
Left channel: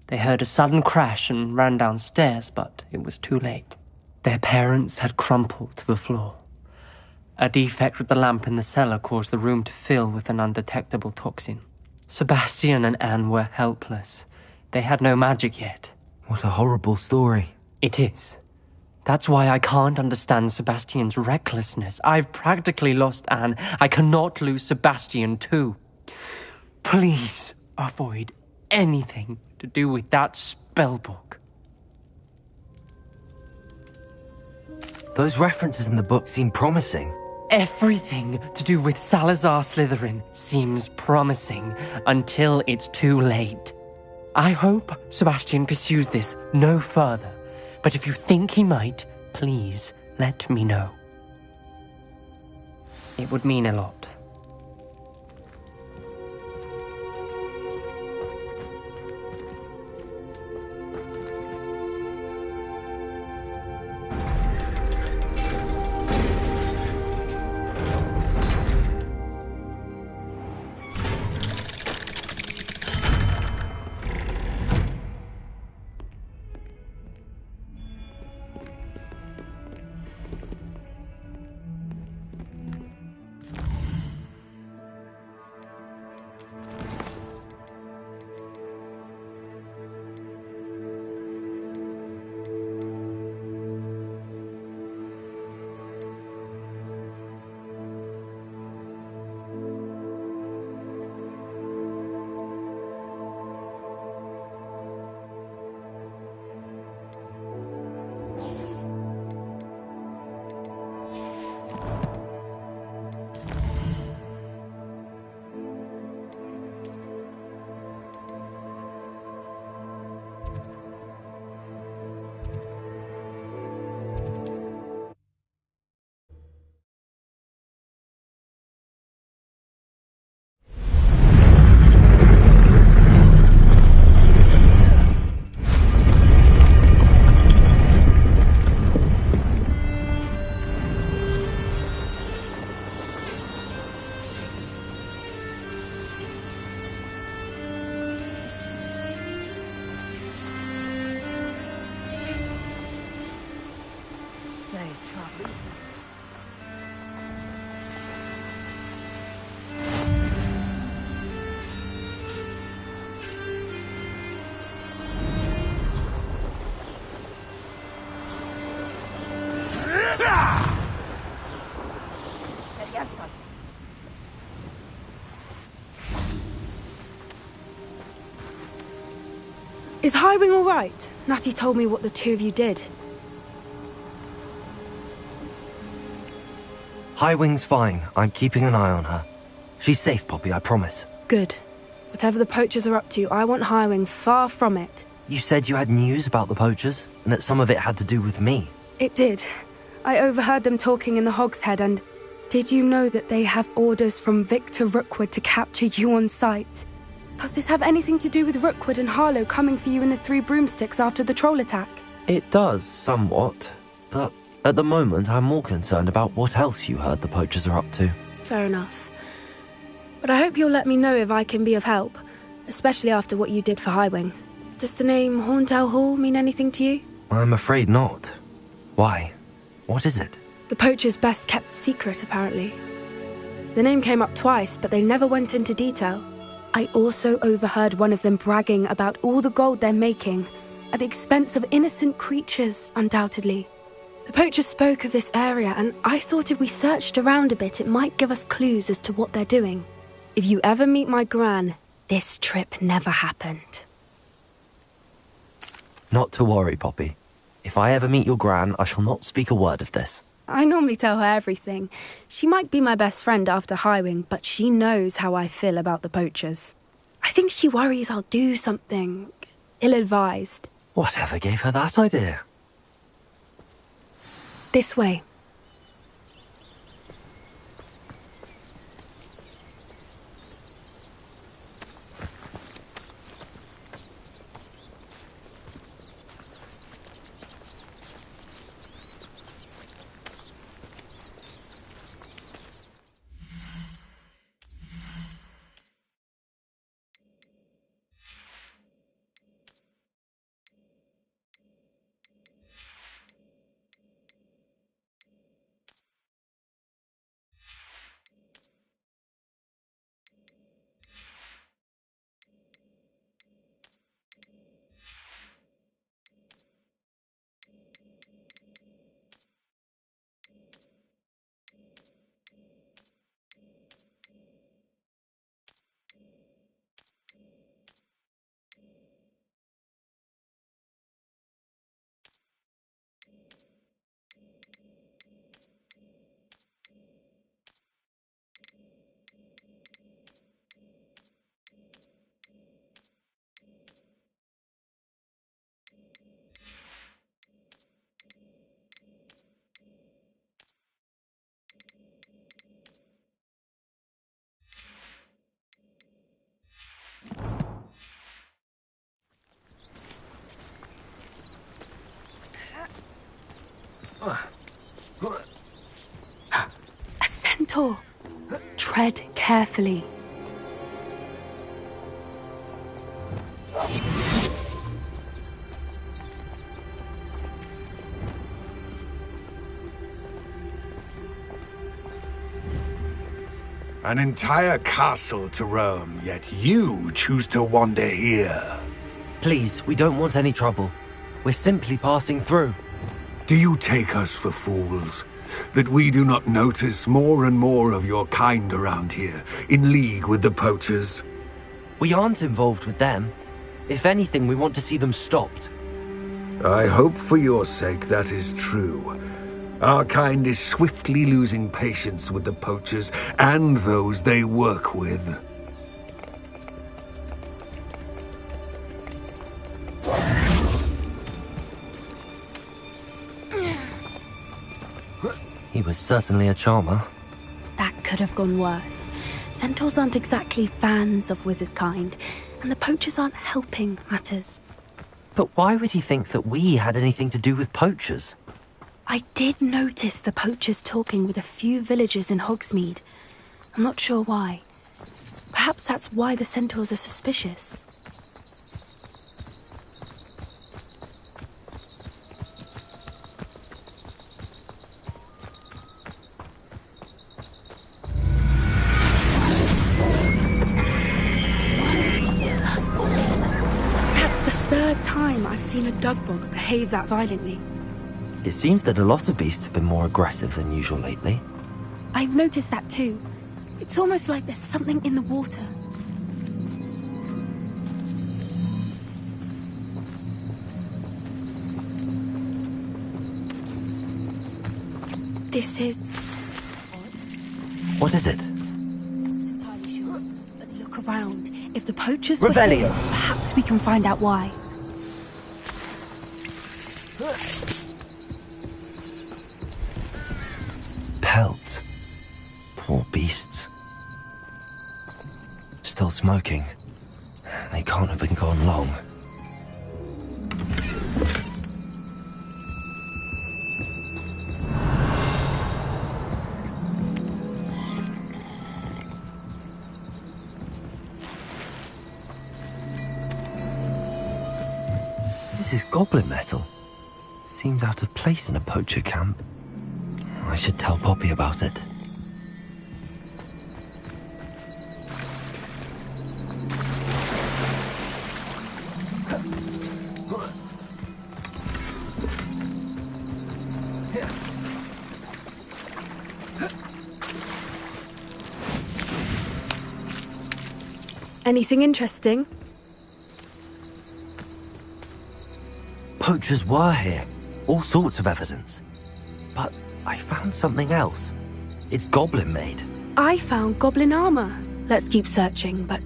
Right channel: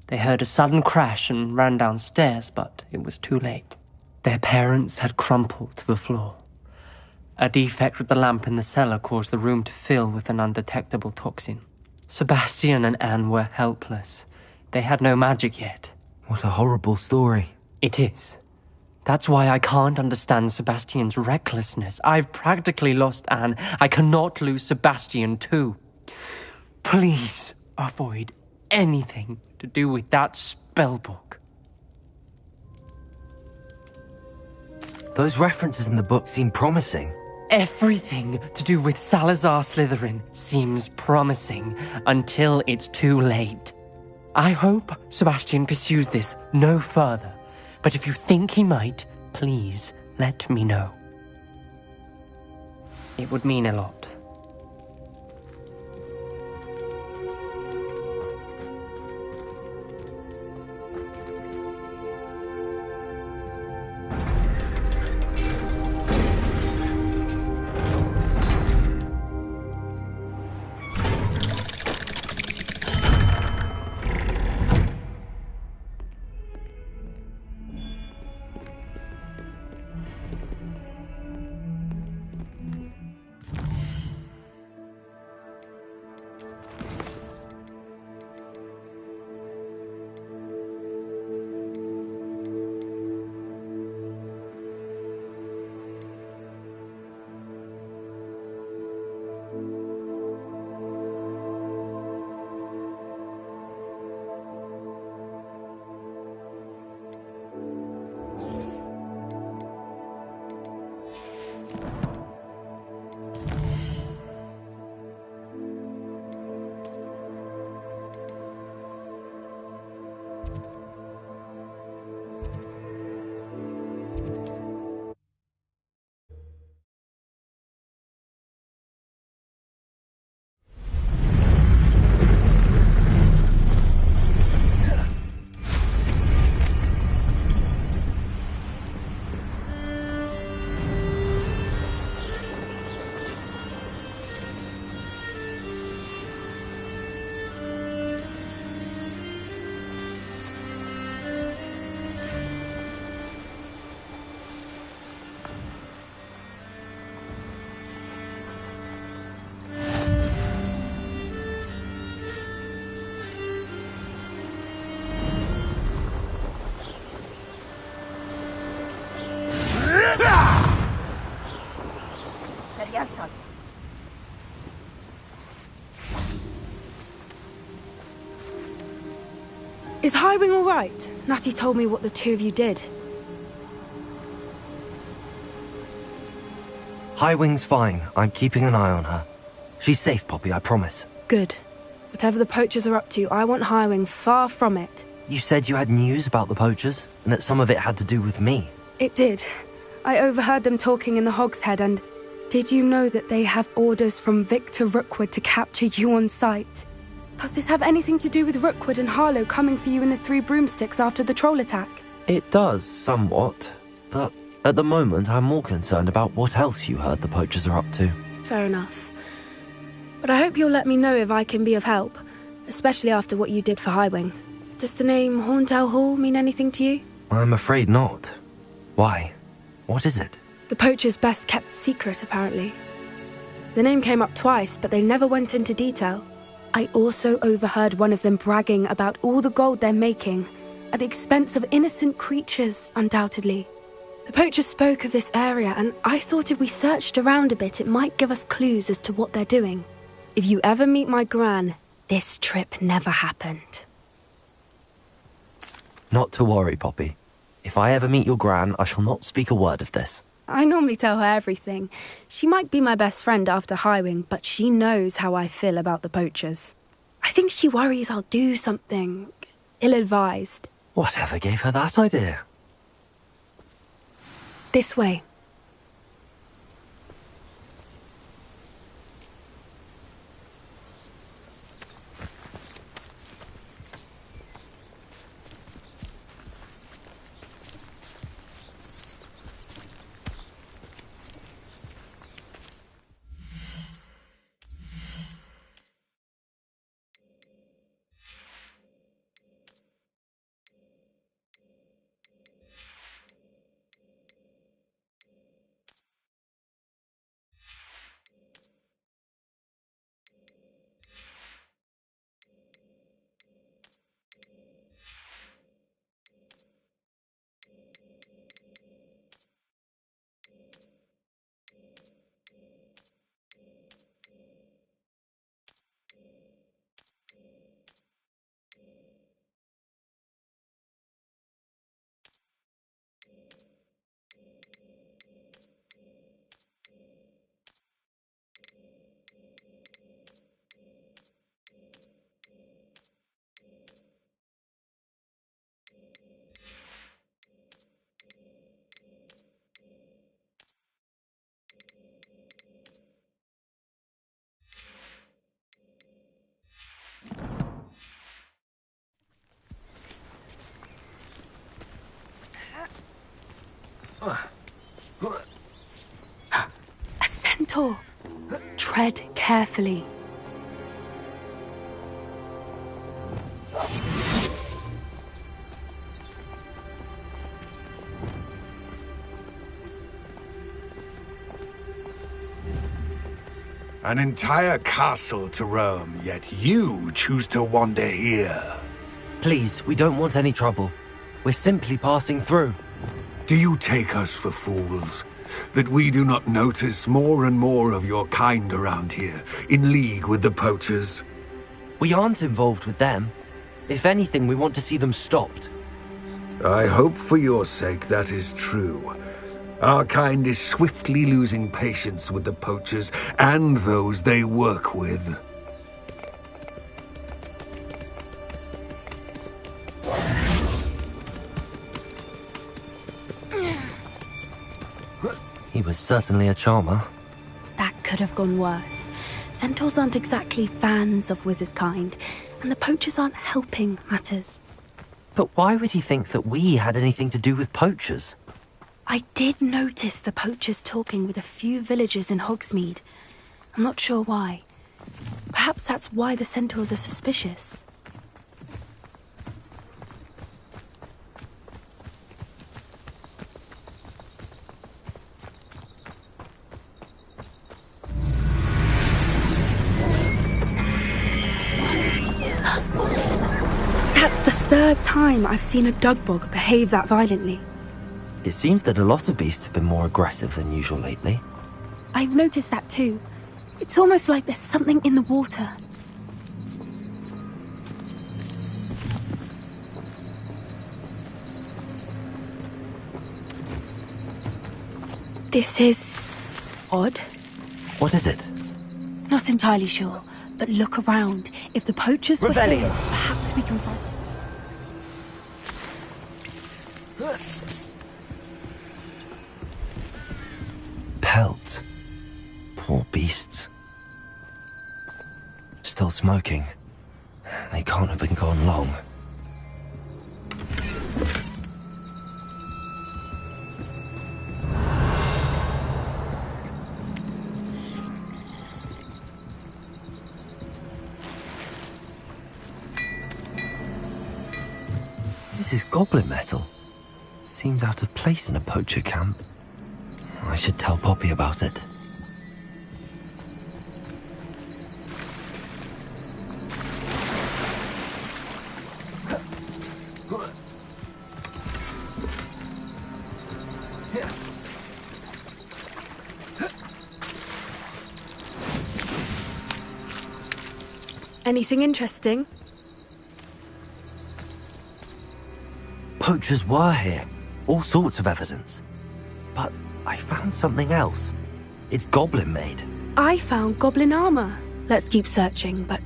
They heard a sudden crash and ran downstairs, but it was too late. Their parents had crumpled to the floor. A defect with the lamp in the cellar caused the room to fill with an undetectable toxin. Sebastian and Anne were helpless. They had no magic yet. What a horrible story. It is. That's why I can't understand Sebastian's recklessness. I've practically lost Anne. I cannot lose Sebastian too. Please avoid anything to do with that spellbook. Those references in the book seem promising. Everything to do with Salazar Slytherin seems promising until it's too late. I hope Sebastian pursues this no further. But if you think he might, please let me know. It would mean a lot. Is Highwing all right? Natty told me what the two of you did. Highwing's fine. I'm keeping an eye on her. She's safe, Poppy, I promise. Good. Whatever the poachers are up to, I want Highwing far from it. You said you had news about the poachers, and that some of it had to do with me. It did. I overheard them talking in the Hogshead, and did you know that they have orders from Victor Rookwood to capture you on sight? Does this have anything to do with Rookwood and Harlow coming for you in the Three Broomsticks after the troll attack? It does, somewhat. But at the moment, I'm more concerned about what else you heard the poachers are up to. Fair enough. But I hope you'll let me know if I can be of help, especially after what you did for Highwing. Does the name Horntail Hall mean anything to you? I'm afraid not. Why? What is it? The poacher's best kept secret, apparently. The name came up twice, but they never went into detail. I also overheard one of them bragging about all the gold they're making, at the expense of innocent creatures, undoubtedly. The poacher spoke of this area, and I thought if we searched around a bit, it might give us clues as to what they're doing. If you ever meet my gran, this trip never happened. Not to worry, Poppy. If I ever meet your gran, I shall not speak a word of this. I normally tell her everything. She might be my best friend after Highwing, but she knows how I feel about the poachers. I think she worries I'll do something ill-advised. Whatever gave her that idea? This way. A centaur. Tread carefully. An entire castle to roam, yet you choose to wander here. Please, we don't want any trouble. We're simply passing through. Do you take us for fools? That we do not notice more and more of your kind around here, in league with the poachers? We aren't involved with them. If anything, we want to see them stopped. I hope for your sake that is true. Our kind is swiftly losing patience with the poachers and those they work with. He was certainly a charmer. That could have gone worse. Centaurs aren't exactly fans of wizard kind, and the poachers aren't helping matters. But why would he think that we had anything to do with poachers? I did notice the poachers talking with a few villagers in Hogsmeade. I'm not sure why. Perhaps that's why the centaurs are suspicious. That's the third time I've seen a dugbog behave that violently. It seems that a lot of beasts have been more aggressive than usual lately. I've noticed that too. It's almost like there's something in the water. This is odd. What is it? Not entirely sure, but look around. If the poachers were Revelio. here, perhaps we can find out why. Pelts. Poor beasts. Still smoking. They can't have been gone long. This is goblin metal. Seems out of place in a poacher camp. I should tell Poppy about it. Anything interesting? Poachers were here. All sorts of evidence. But I found something else. It's goblin made. I found goblin armor. Let's keep searching, but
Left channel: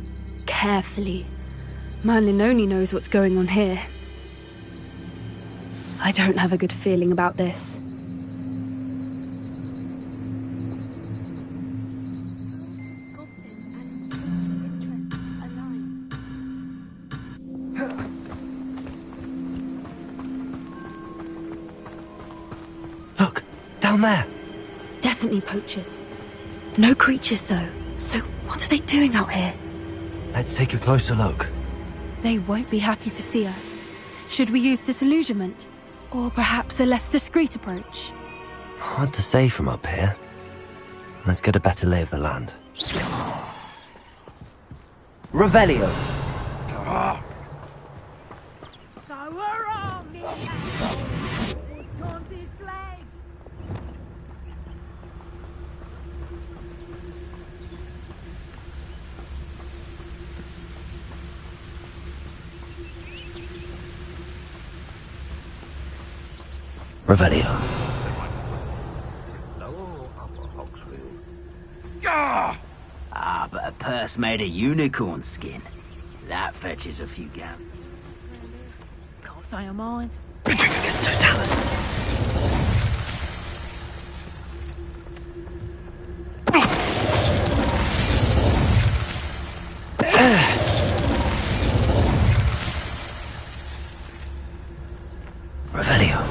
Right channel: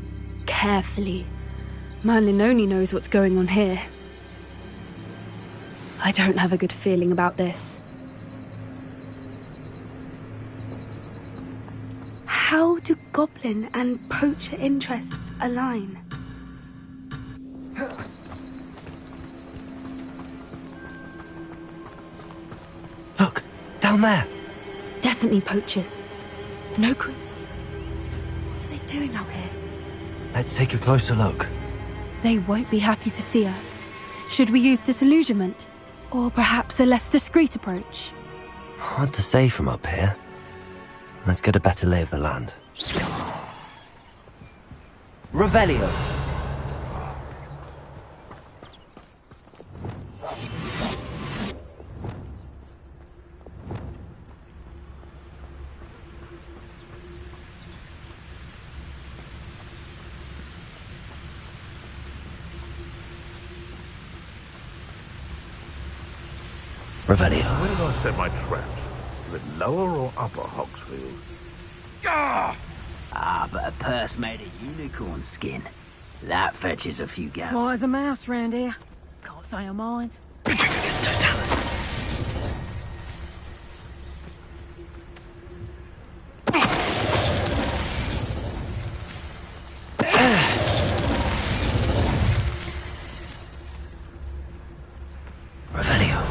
carefully. Merlin only knows what's going on here. I don't have a good feeling about this. How do goblin and poacher interests align? Look, down there. Definitely poachers. No creatures, though. So what are they doing out here? Let's take a closer look. They won't be happy to see us. Should we use disillusionment? Or perhaps a less discreet approach? Hard to say from up here. Let's get a better lay of the land. Revelio. Revelio. Where did I set my traps? The lower or upper Hogsmeade? But a purse made of unicorn skin. That fetches a few gallons. Why is a mouse round here? Can't say I mind. Petrificus totalis. Revelio.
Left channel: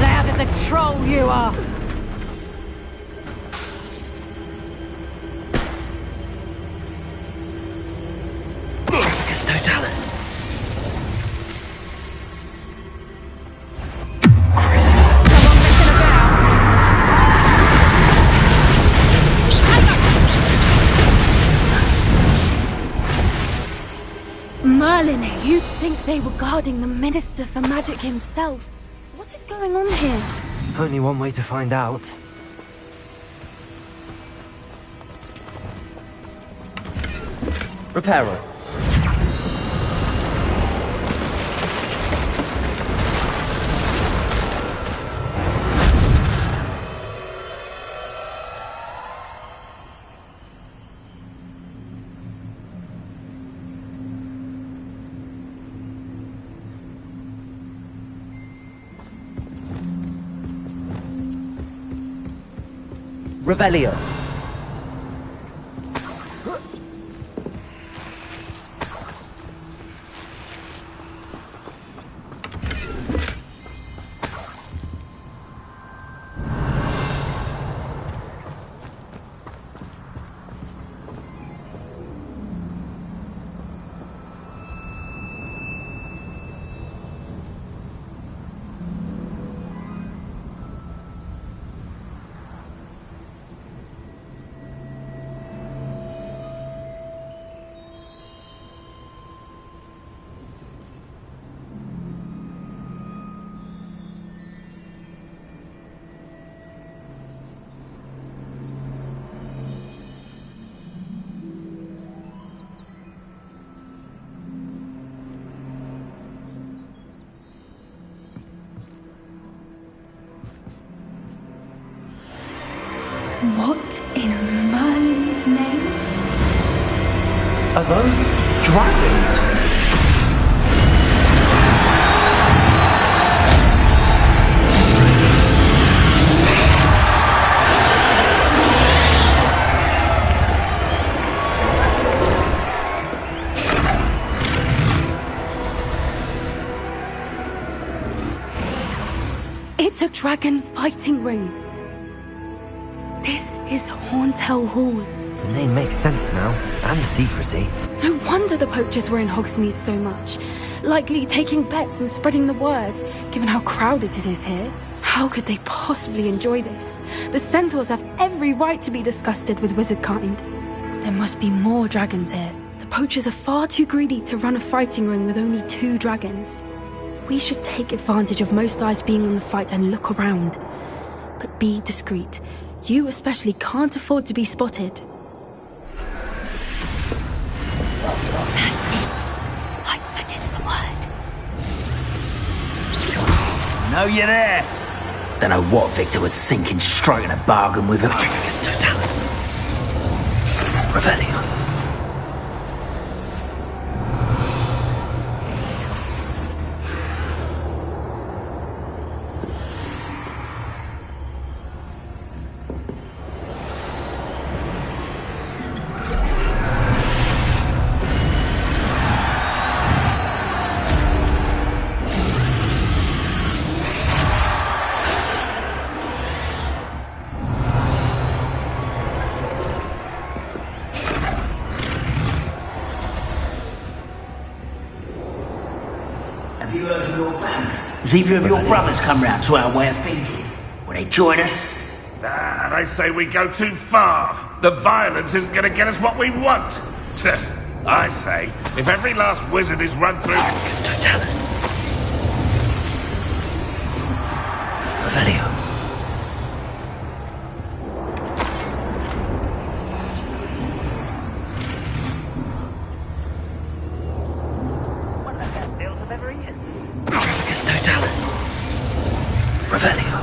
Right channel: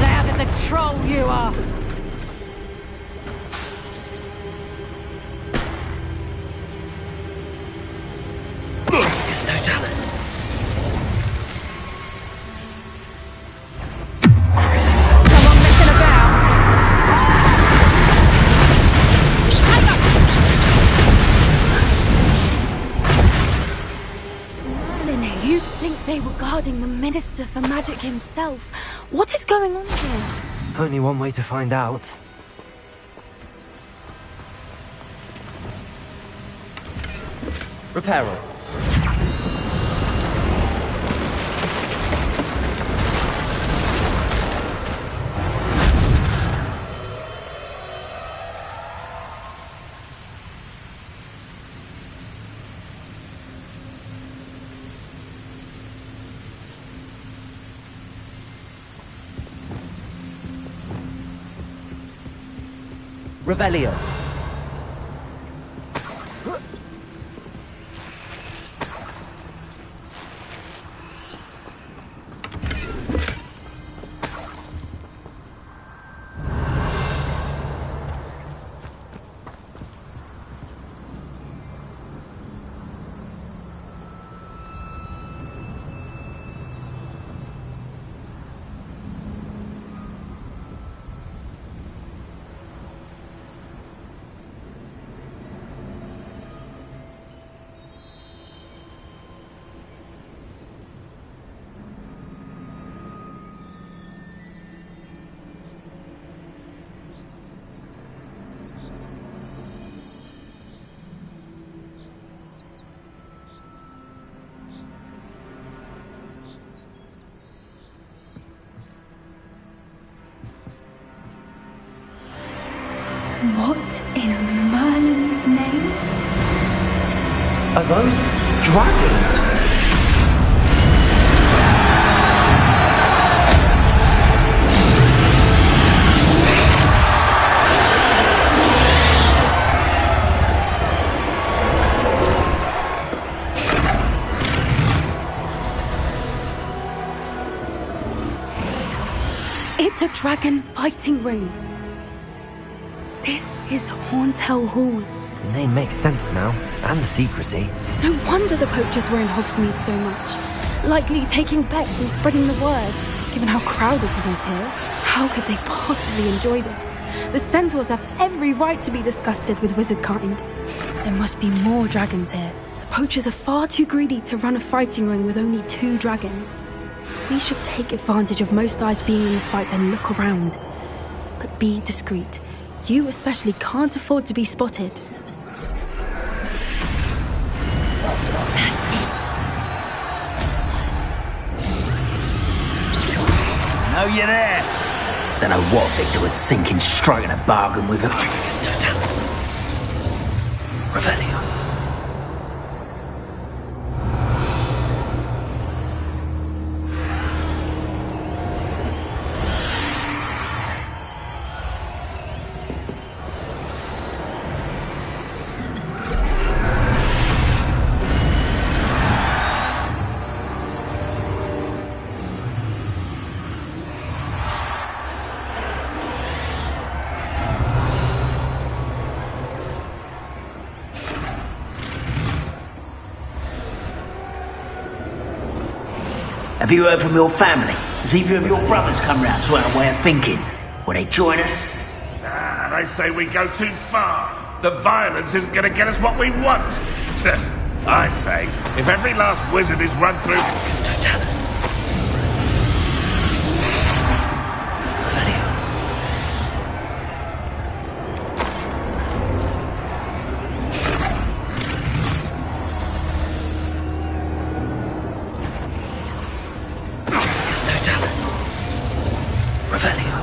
Loud as a troll you are! Petrificus totalis. Someone messing about? Merlin, you'd think they were guarding the Minister for Magic himself. What is going on here? Only one way to find out. Reparo. Revelio. What in Merlin's name? Are those dragons? It's a dragon fighting ring. This is Horntail Hall. The name makes sense now, and the secrecy. No wonder the poachers were in Hogsmeade so much. Likely taking bets and spreading the word, given how crowded it is here. How could they possibly enjoy this? The centaurs have every right to be disgusted with wizard kind. There must be more dragons here. The poachers are far too greedy to run a fighting ring with only 2 dragons. We should take advantage of most eyes being in the fight and look around. But be discreet. You especially can't afford to be spotted. That's it. That is the word. Know you're there. Don't know what Victor was thinking, striking a bargain with him. Totalis. Revelio. Have you heard from your family? Has either of your brothers come round to our way of thinking? Will they join us? Nah, they say we go too far. The violence isn't going to get us what we want. I say, if every last wizard is run through... Totalis. Revelio. Totalis. Revelio.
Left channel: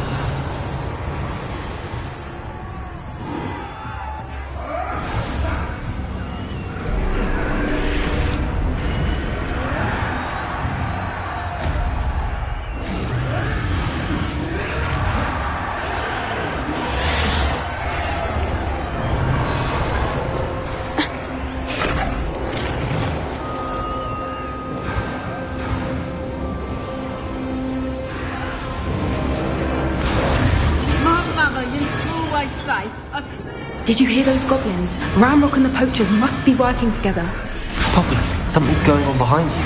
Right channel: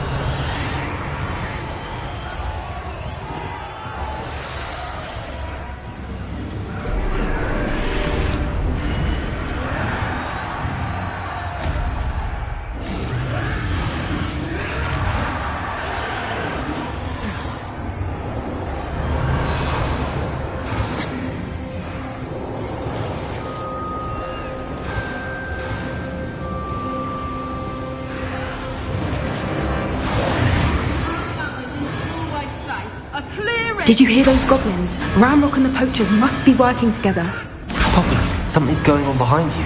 Did you hear those goblins? Ramrock and the poachers must be working together. Poppy, something's going on behind you.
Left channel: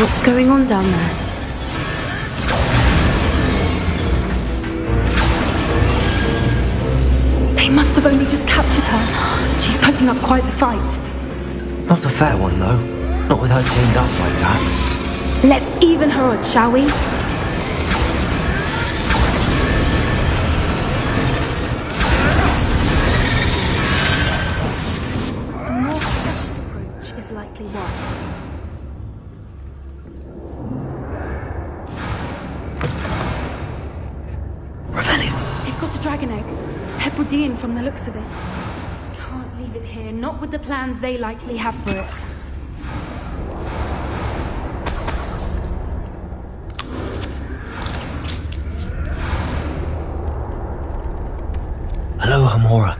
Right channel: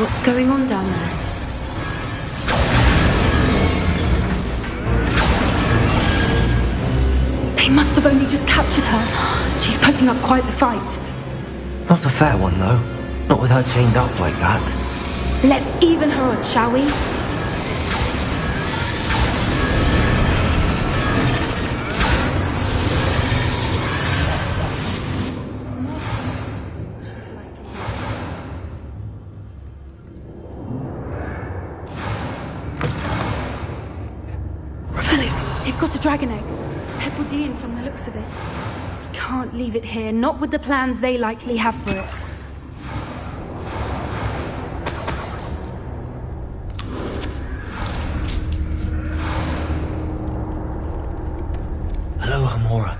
What's going on down there? They must have only just captured her. She's putting up quite the fight. Not a fair one, though. Not with her chained up like that. Let's even her odds, shall we? They've got a dragon egg. Hebridean from the looks of it. Can't leave it here, not with the plans they likely have for it. Hello, Hamora.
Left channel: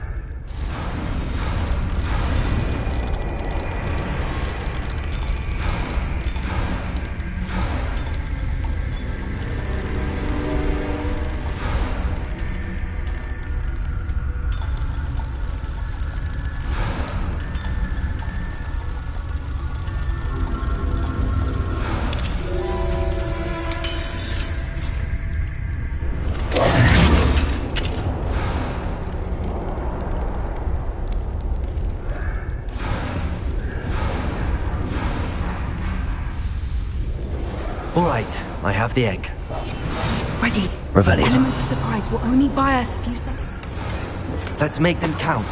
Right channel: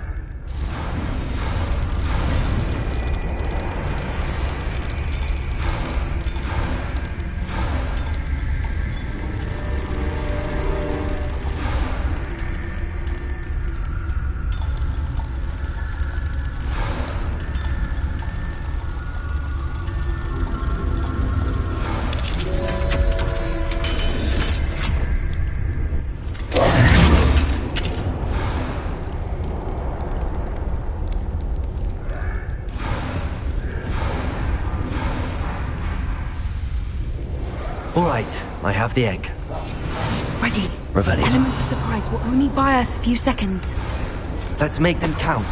All right, I have the egg. Ready. Revelio. Element of surprise will only buy us a few seconds. Let's make them count.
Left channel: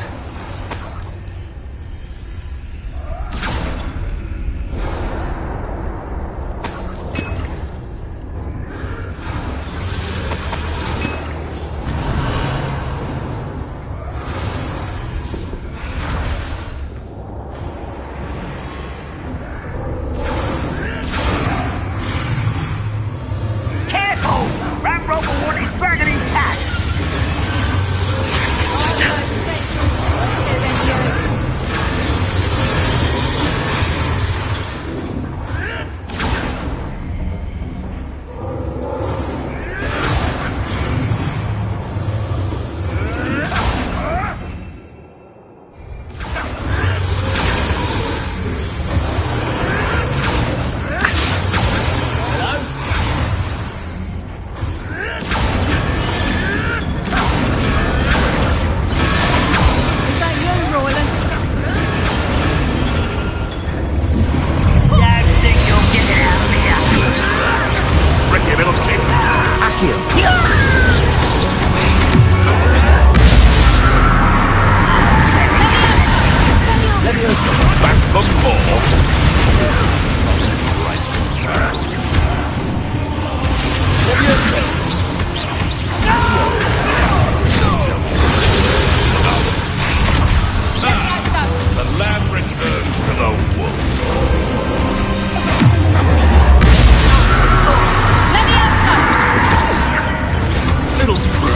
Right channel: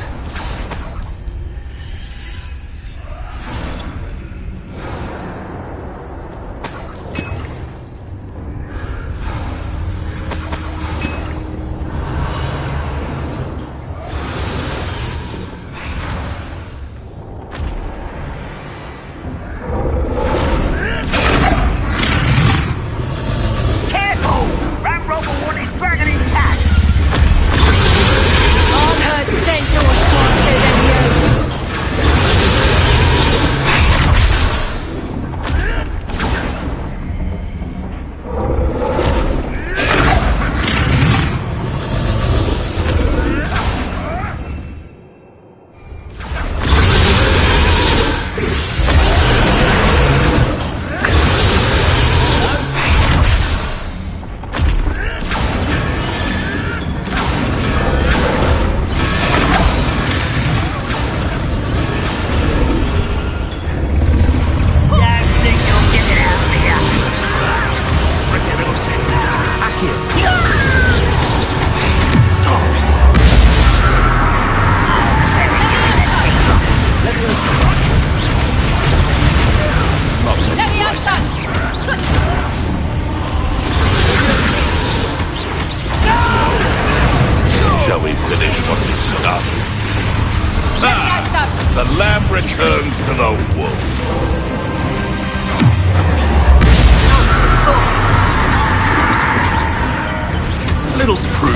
lamb returns to the wolf. Little prude.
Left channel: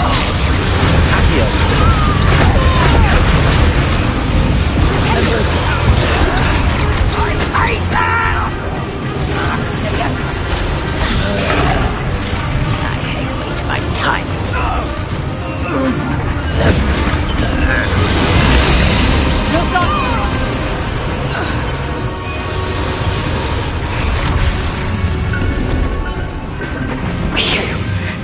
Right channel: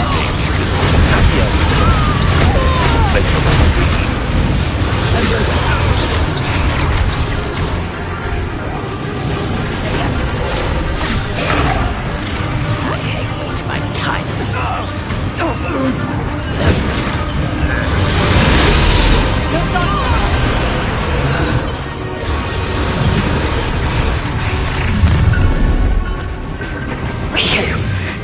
I hate wasting my time.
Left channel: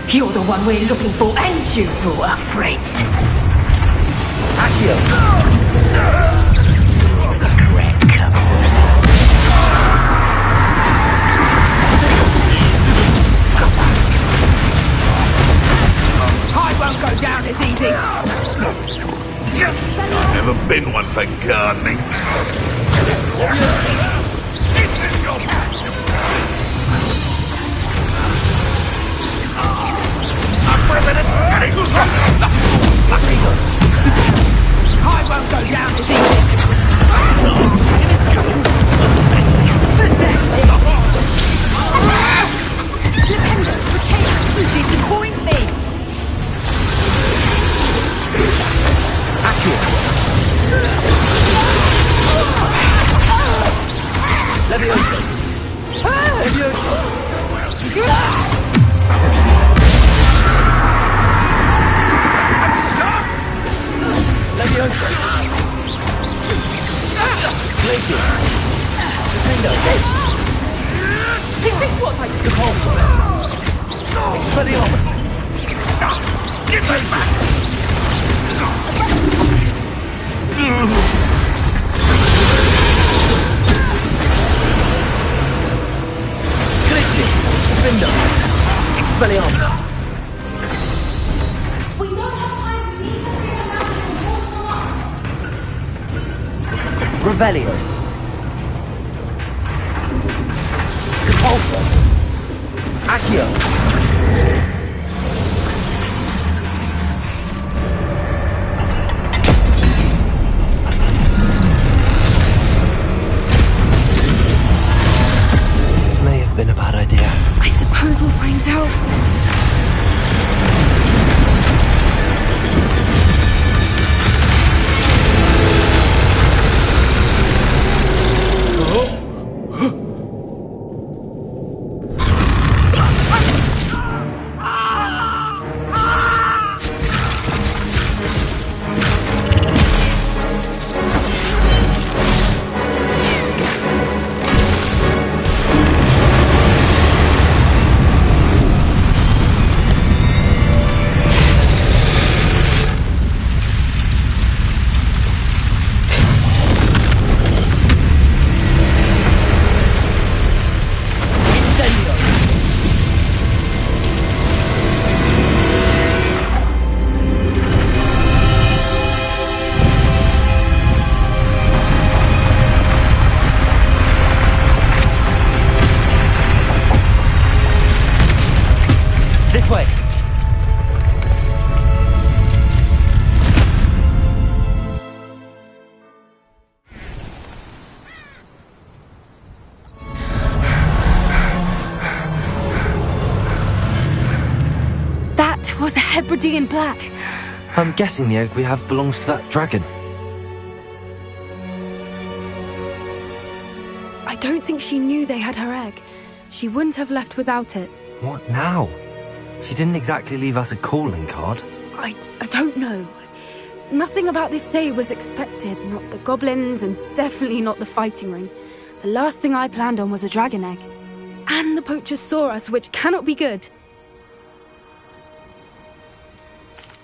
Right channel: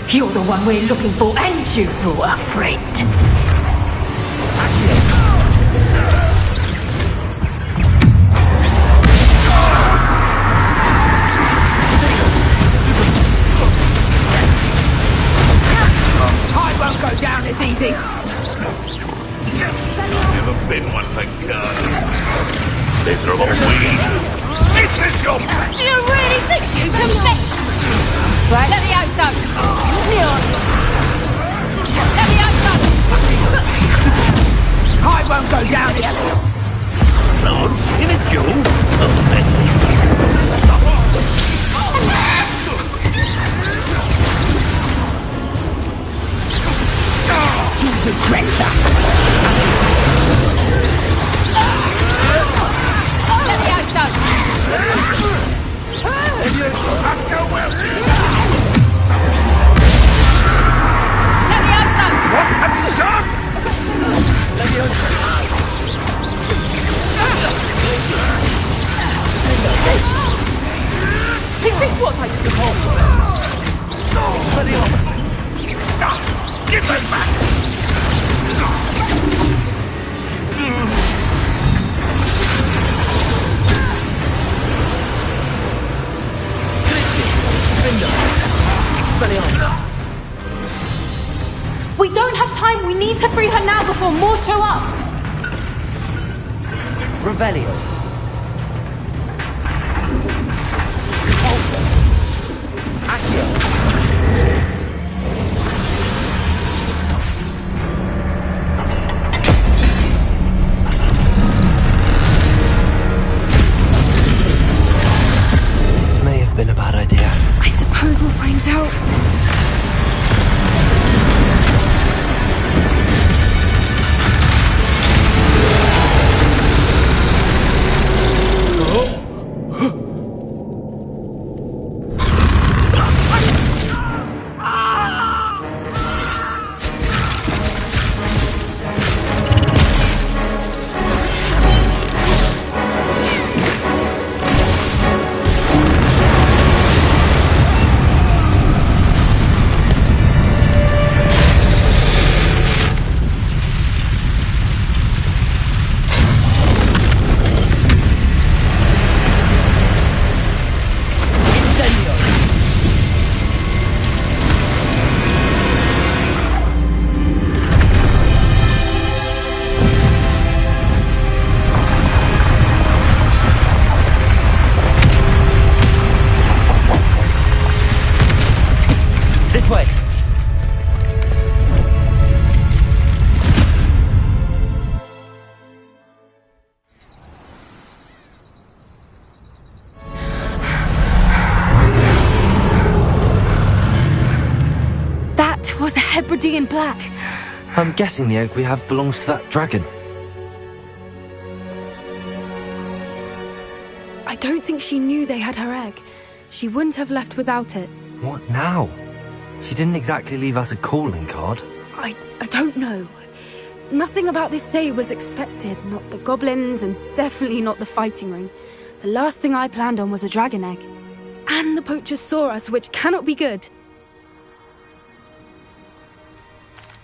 You're the one we're looking for, and you brought a friend. I won't go down as easy. Never been one for gardening. These are all Is this your... Do you really think you can mess? Right, let me out some. I won't go down as easy. Give it, Joe. Is this what I took also? Expelliarmus! Give me back! Expelliarmus! We don't have time. We need to free her now before more show up. Revelio. Repulsor. Accio. This may have been a bad idea. I suppose we'll find out. This way. That was a Hebridean black. I'm guessing the egg we have belongs to that dragon. I don't think she knew they had her egg. She wouldn't have left without it. What now? She didn't exactly leave us a calling card. I don't know. Nothing about this day was expected. Not the goblins, and definitely not the fighting ring. The last thing I planned on was a dragon egg. And the poachers saw us, which cannot be good.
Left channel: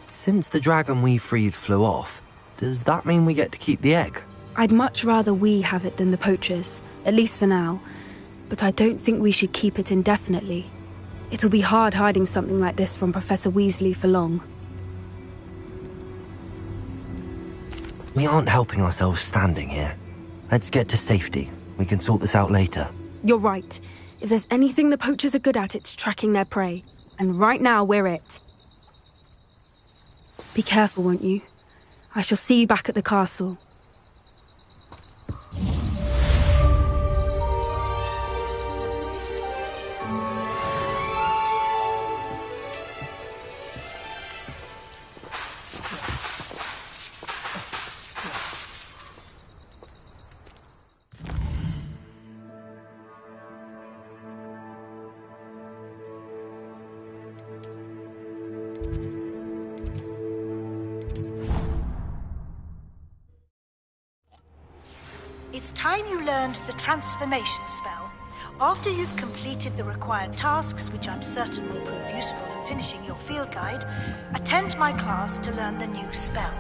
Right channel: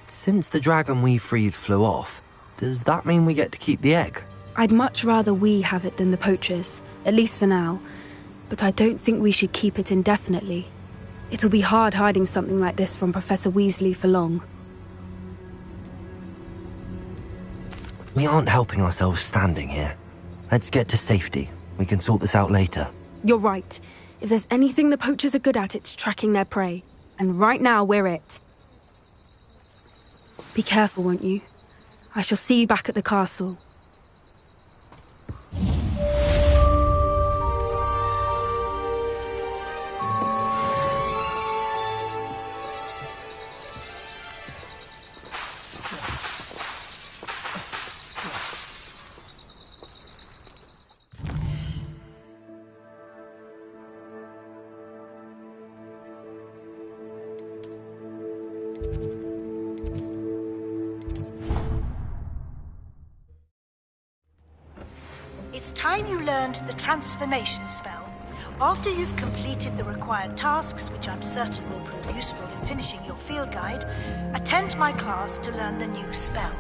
Since the dragon we freed flew off, does that mean we get to keep the egg? I'd much rather we have it than the poachers, at least for now. But I don't think we should keep it indefinitely. It'll be hard hiding something like this from Professor Weasley for long. We aren't helping ourselves standing here. Let's get to safety. We can sort this out later. You're right. If there's anything the poachers are good at, it's tracking their prey. And right now, we're it. Be careful, won't you? I shall see you back at the castle. It's time you learned the transformation spell. After you've completed the required tasks, which I'm certain will prove useful in finishing your field guide, attend my class to learn the new spell.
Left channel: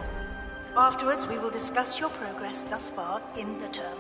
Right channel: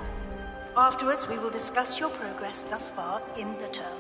Afterwards, we will discuss your progress thus far in the term.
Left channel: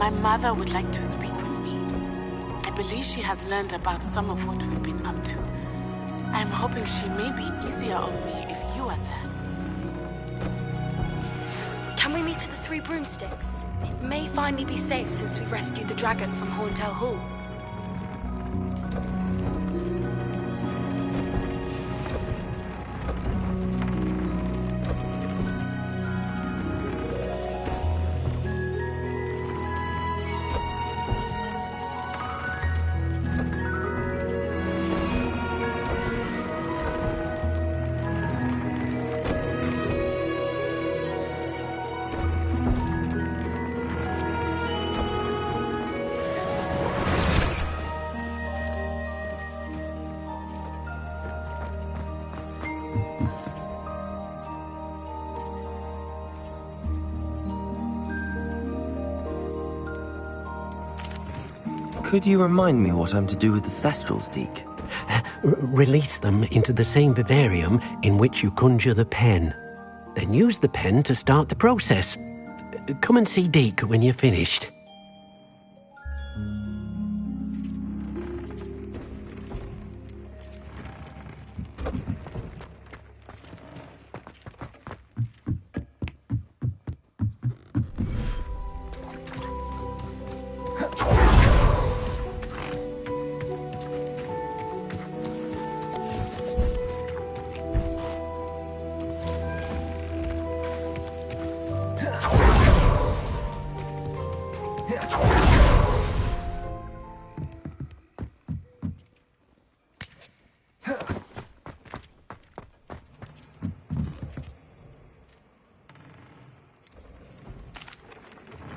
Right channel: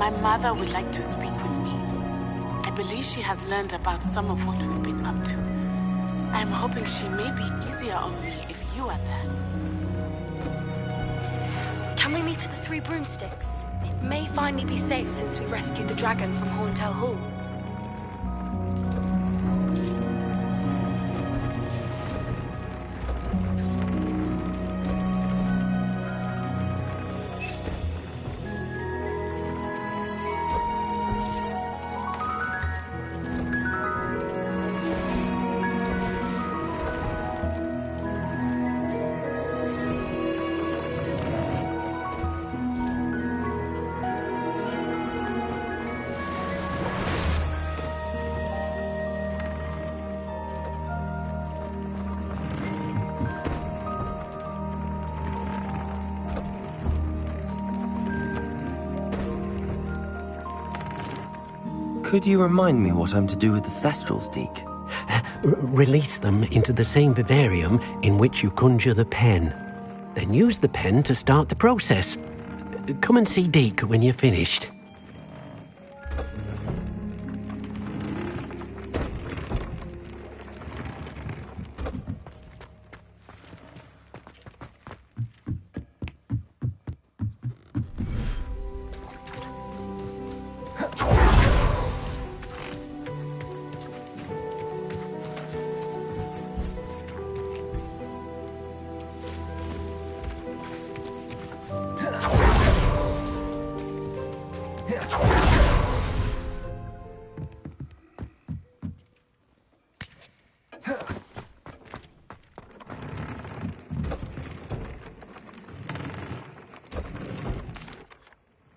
My mother would like to speak with me. I believe she has learned about some of what we've been up to. I'm hoping she may be easier on me if you are there. Can we meet at the Three Broomsticks? It may finally be safe since we rescued the dragon from Horntail Hall. Could you remind me what I'm to do with the Thestrals, Deke? Release them into the same vivarium in which you conjure the pen. Then use the pen to start the process. Come and see Deke when you're finished.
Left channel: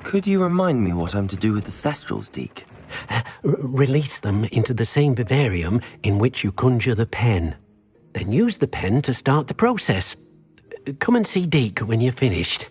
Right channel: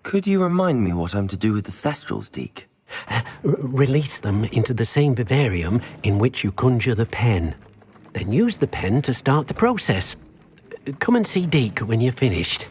Could you remind me what I'm to do with the Thestrals, Deke? Release them into the same vivarium in which you conjure the pen. Then use the pen to start the process. Come and see Deke when you're finished.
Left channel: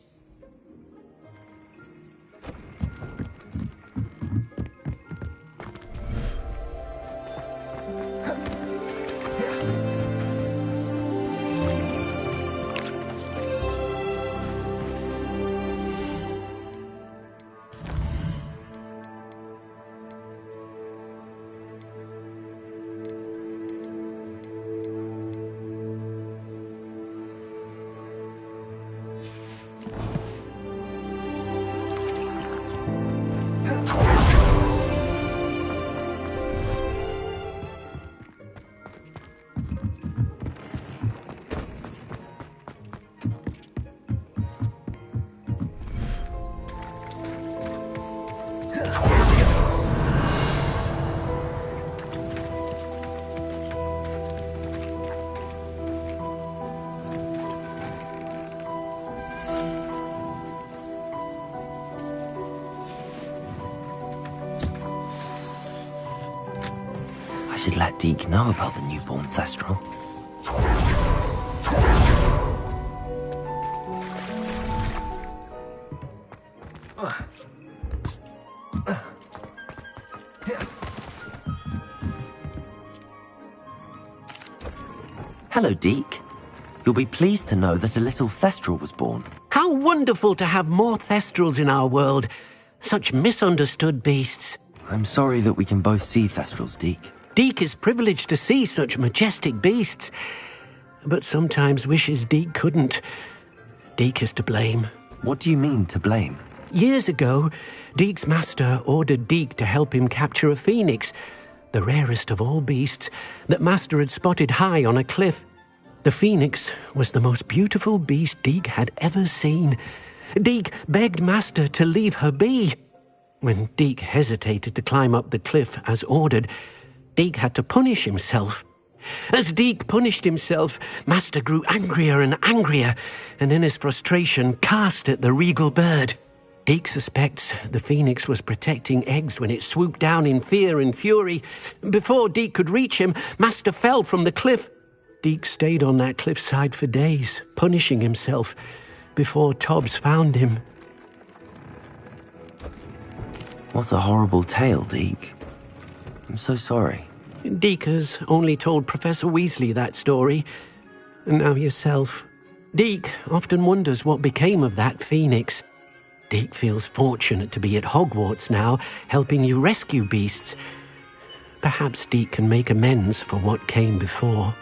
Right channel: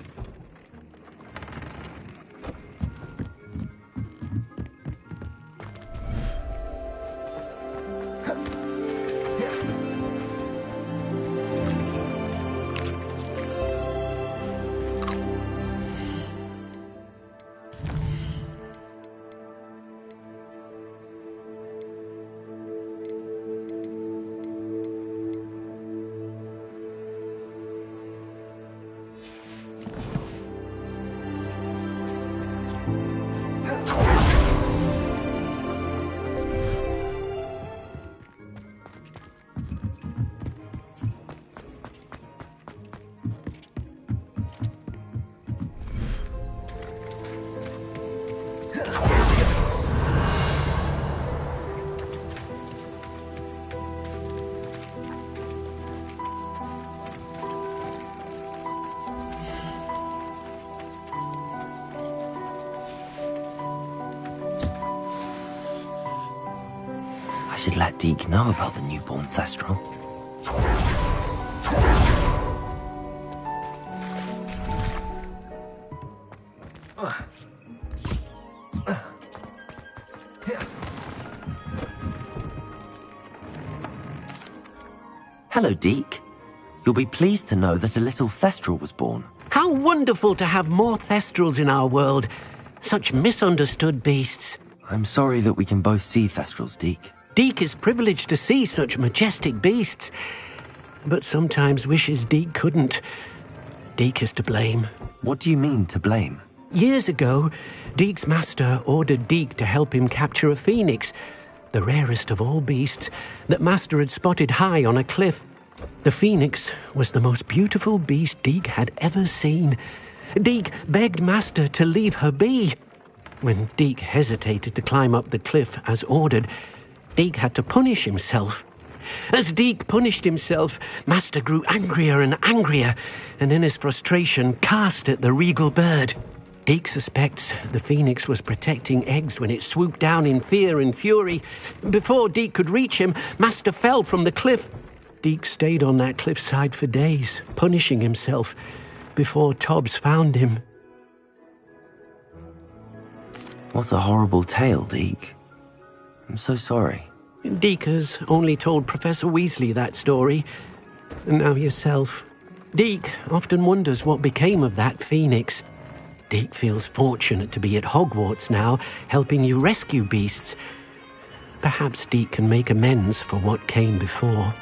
I should let Deke know about the newborn Thestral. Hello, Deke. You'll be pleased to know that a little Thestral was born. How wonderful to have more Thestrals in our world. Such misunderstood beasts. I'm sorry that we can both see Thestrals, Deke. Deke is privileged to see such majestic beasts, but sometimes wishes Deke couldn't. Deke is to blame. What do you mean, to blame? Years ago, Deke's master ordered Deke to help him capture a phoenix, the rarest of all beasts, that master had spotted high on a cliff. The phoenix was the most beautiful beast Deke had ever seen. Deke begged master to leave her be. When Deke hesitated to climb up the cliff as ordered, Deke had to punish himself. As Deke punished himself, master grew angrier and angrier, and in his frustration cast at the regal bird. Deke suspects the phoenix was protecting eggs when it swooped down in fear and fury. Before Deke could reach him, master fell from the cliff. Deke stayed on that cliffside for days, punishing himself, before Tobbs found him. What a horrible tale, Deke. I'm so sorry. Deke has only told Professor Weasley that story, and now yourself. Deke often wonders what became of that phoenix. Deek feels fortunate to be at Hogwarts now, helping you rescue beasts. Perhaps Deek can make amends for what came before.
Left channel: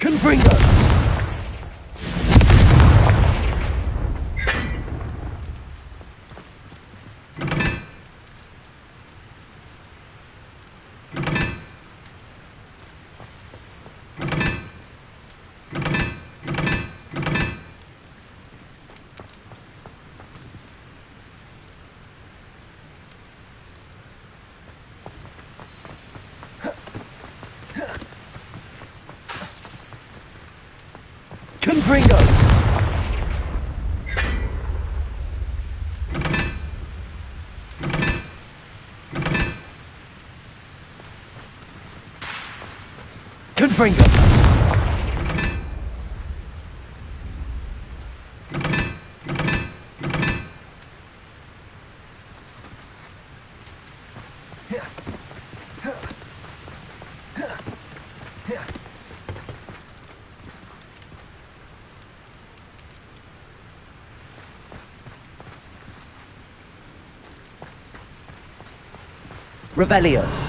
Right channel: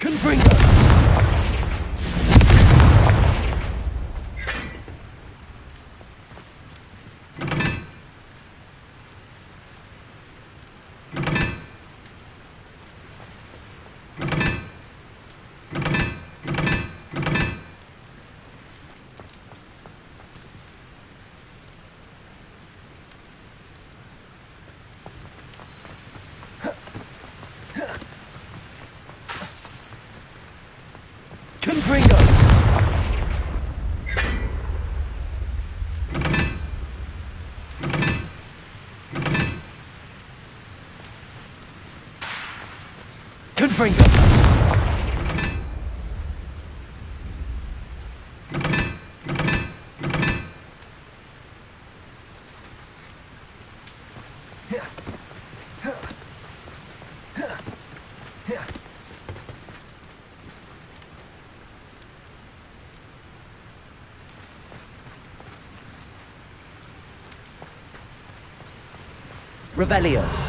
Confringo! Confringo! Confringo! Revelio.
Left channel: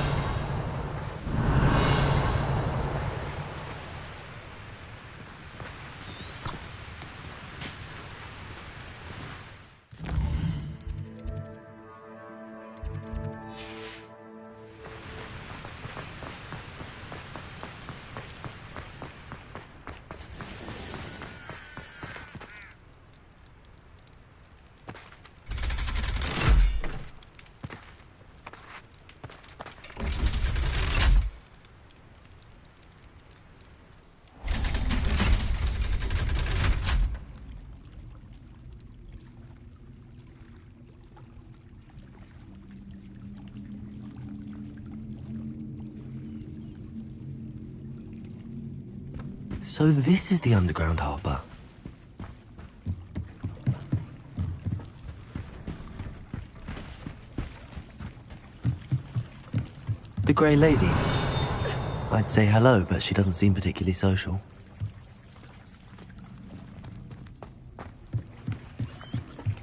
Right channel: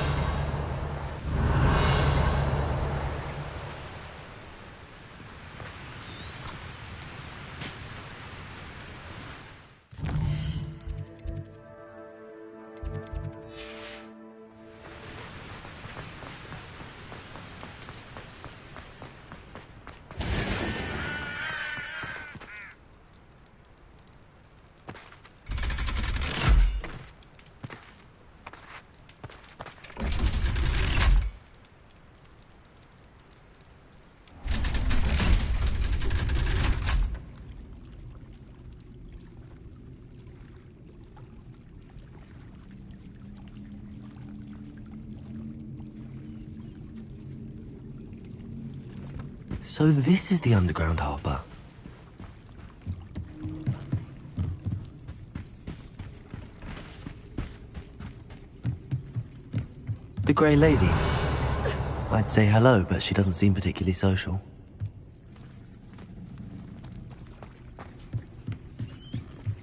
So this is the underground harbour. The Grey Lady. I'd say hello, but she doesn't seem particularly social.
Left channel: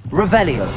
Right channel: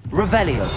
Revelio.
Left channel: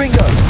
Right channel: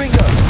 Gringo!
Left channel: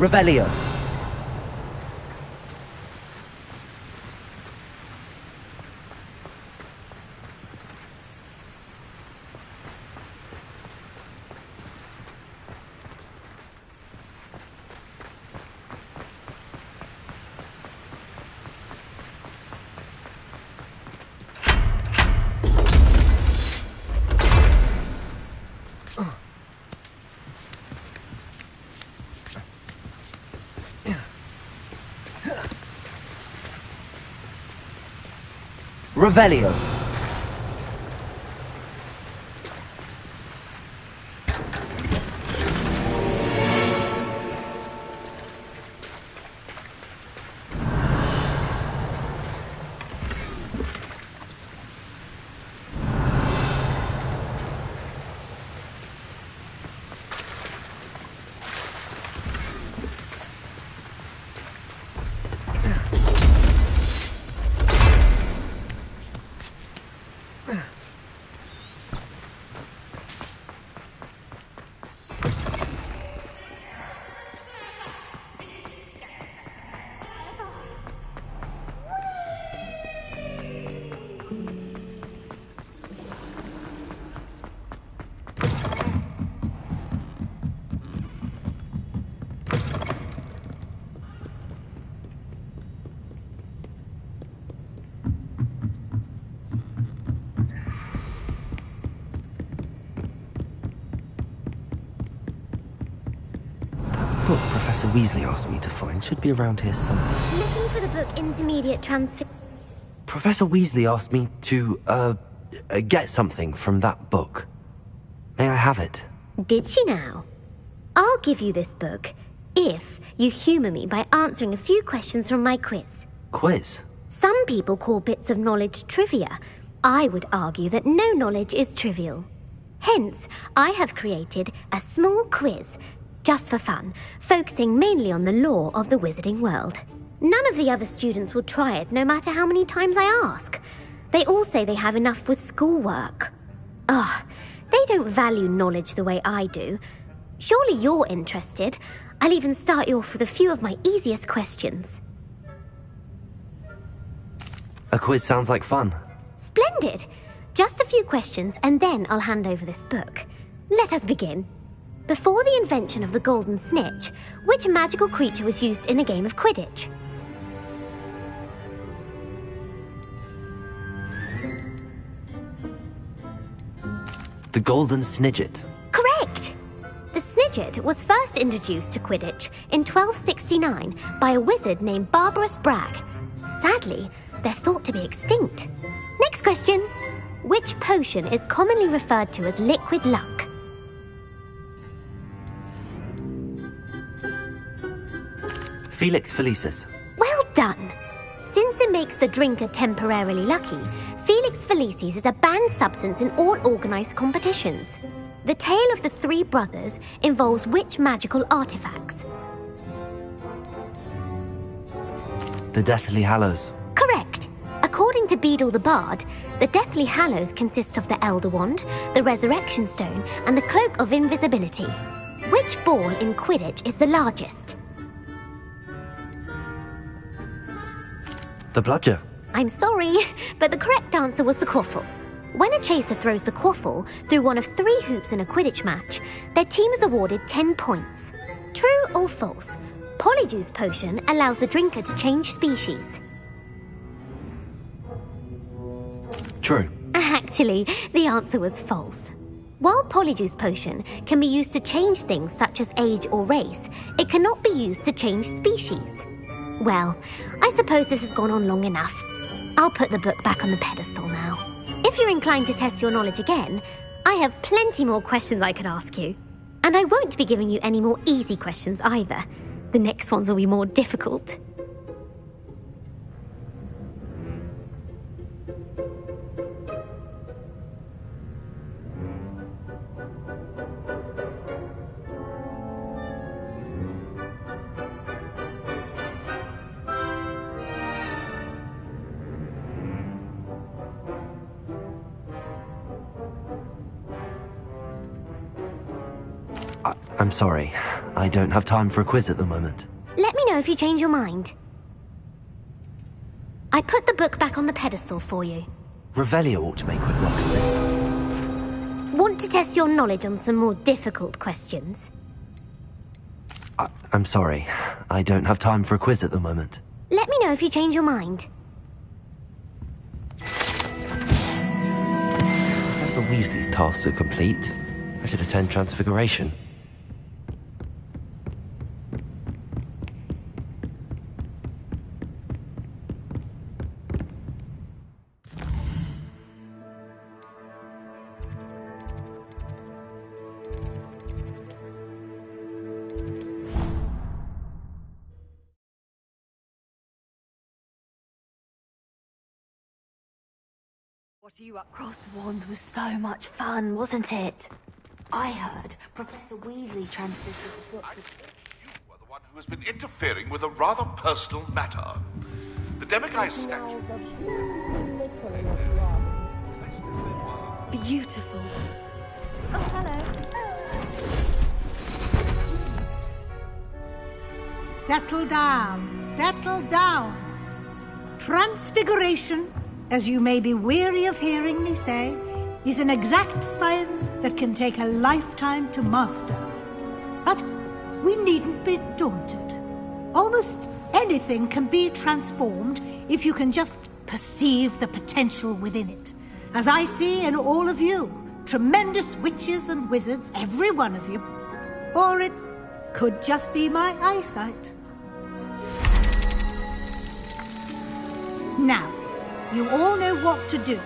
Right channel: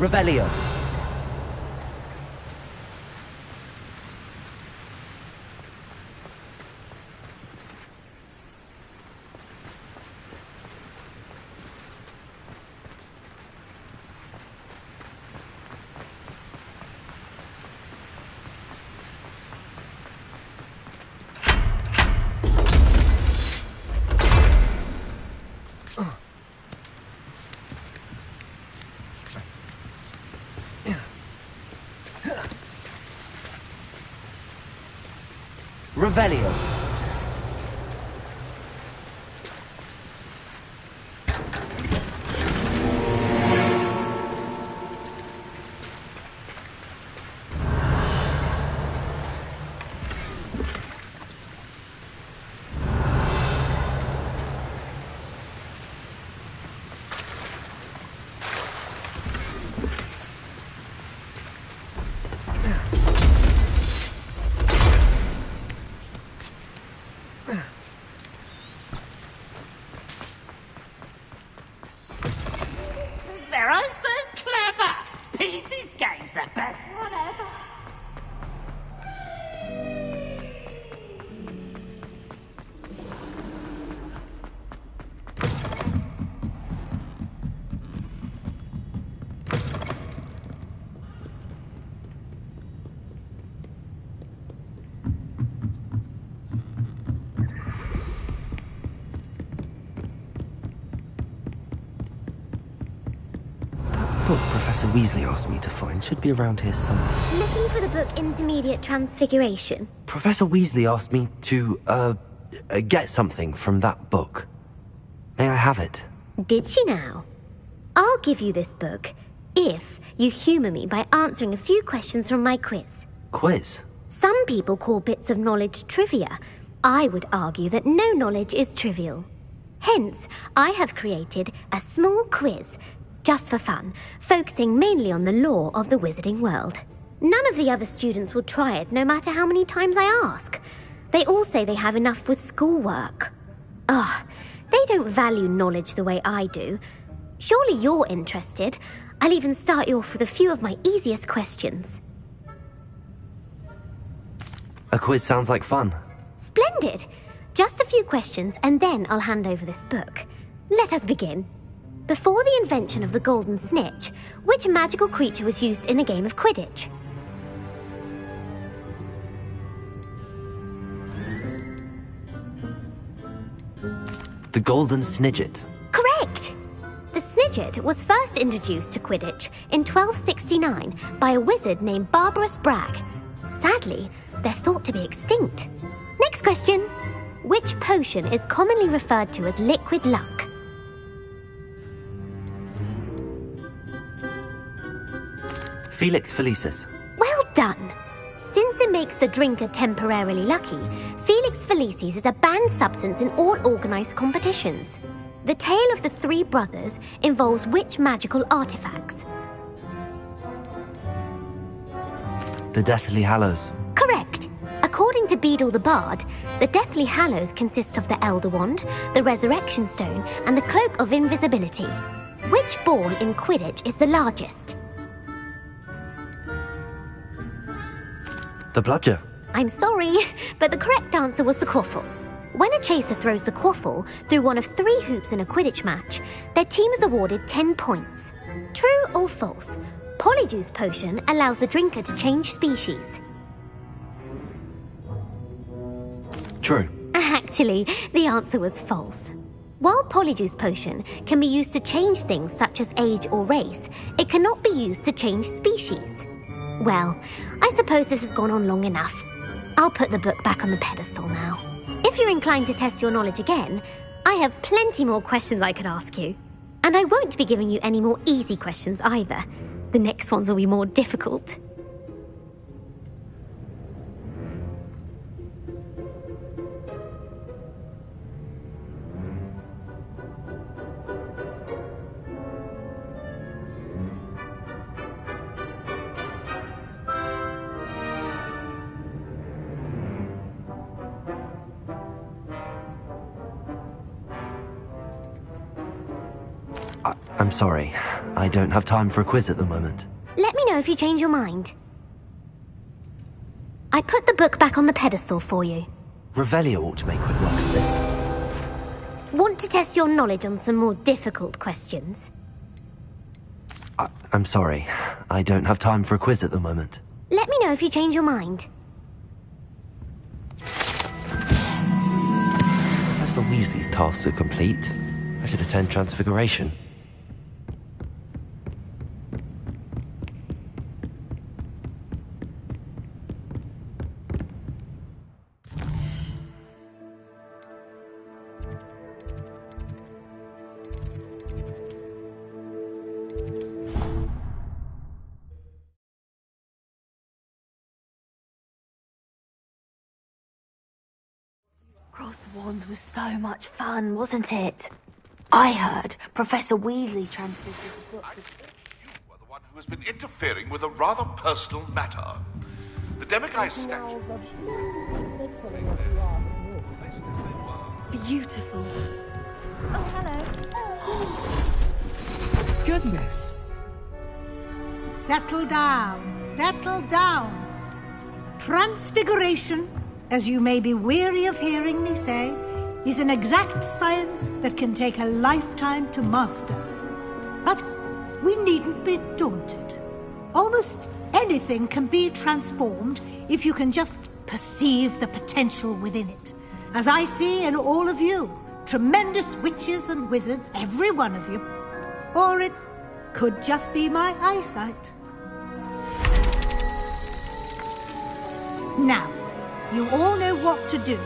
Revelio. Revelio. book Professor Weasley asked me to find should be around here somewhere. Looking for the book Intermediate Transfiguration? Professor Weasley asked me to, get something from that book. May I have it? Did she now? I'll give you this book. if you humour me by answering a few questions from my quiz. Quiz? Some people call bits of knowledge trivia. I would argue that no knowledge is trivial. Hence, I have created a small quiz, just for fun, focusing mainly on the lore of the wizarding world. None of the other students will try it, no matter how many times I ask. They all say they have enough with schoolwork. Ugh, they don't value knowledge the way I do. Surely you're interested. I'll even start you off with a few of my easiest questions. A quiz sounds like fun. Splendid! Just a few questions and then I'll hand over this book. Let us begin. Before the invention of the golden snitch, which magical creature was used in a game of Quidditch? The golden snidget. Correct! The snidget was first introduced to Quidditch in 1269 by a wizard named Barbarous Bragg. Sadly, they're thought to be extinct. Next question. Which potion is commonly referred to as liquid luck? Felix Felicis. Well done! Since it makes the drinker temporarily lucky, Felix Felicis is a banned substance in all organised competitions. The tale of the three brothers involves which magical artifacts? The Deathly Hallows. Correct! According to Beadle the Bard, the Deathly Hallows consists of the Elder Wand, the Resurrection Stone, and the Cloak of Invisibility. Which ball in Quidditch is the largest? The Bludger. I'm sorry, but the correct answer was the quaffle. When a chaser throws the quaffle through one of 3 hoops in a Quidditch match, their team is awarded 10 points. True or false? Polyjuice Potion allows the drinker to change species. True. Actually, the answer was false. While Polyjuice Potion can be used to change things such as age or race, it cannot be used to change species. Well, I suppose this has gone on long enough. I'll put the book back on the pedestal now. If you're inclined to test your knowledge again, I have plenty more questions I could ask you. And I won't be giving you any more easy questions either. The next ones will be more difficult. I'm sorry. I don't have time for a quiz at the moment. Let me know if you change your mind. I put the book back on the pedestal for you. Revelio ought to make quick work of this. Want to test your knowledge on some more difficult questions? I'm sorry. I don't have time for a quiz at the moment. Let me know if you change your mind. Professor Weasley's tasks are complete. I should attend Transfiguration. Across the Wands was so much fun, wasn't it? I heard Professor Weasley transmitted the book. You are the one who has been interfering with a rather personal matter. The Demiguise statue. Beautiful. Oh, hello. Goodness. Settle down. Settle down. Transfiguration, as you may be weary of hearing me say, is an exact science that can take a lifetime to master. But we needn't be daunted. Almost anything can be transformed if you can just perceive the potential within it. As I see in all of you, tremendous witches and wizards, every one of you. Or it could just be my eyesight. Now, you all know what to do.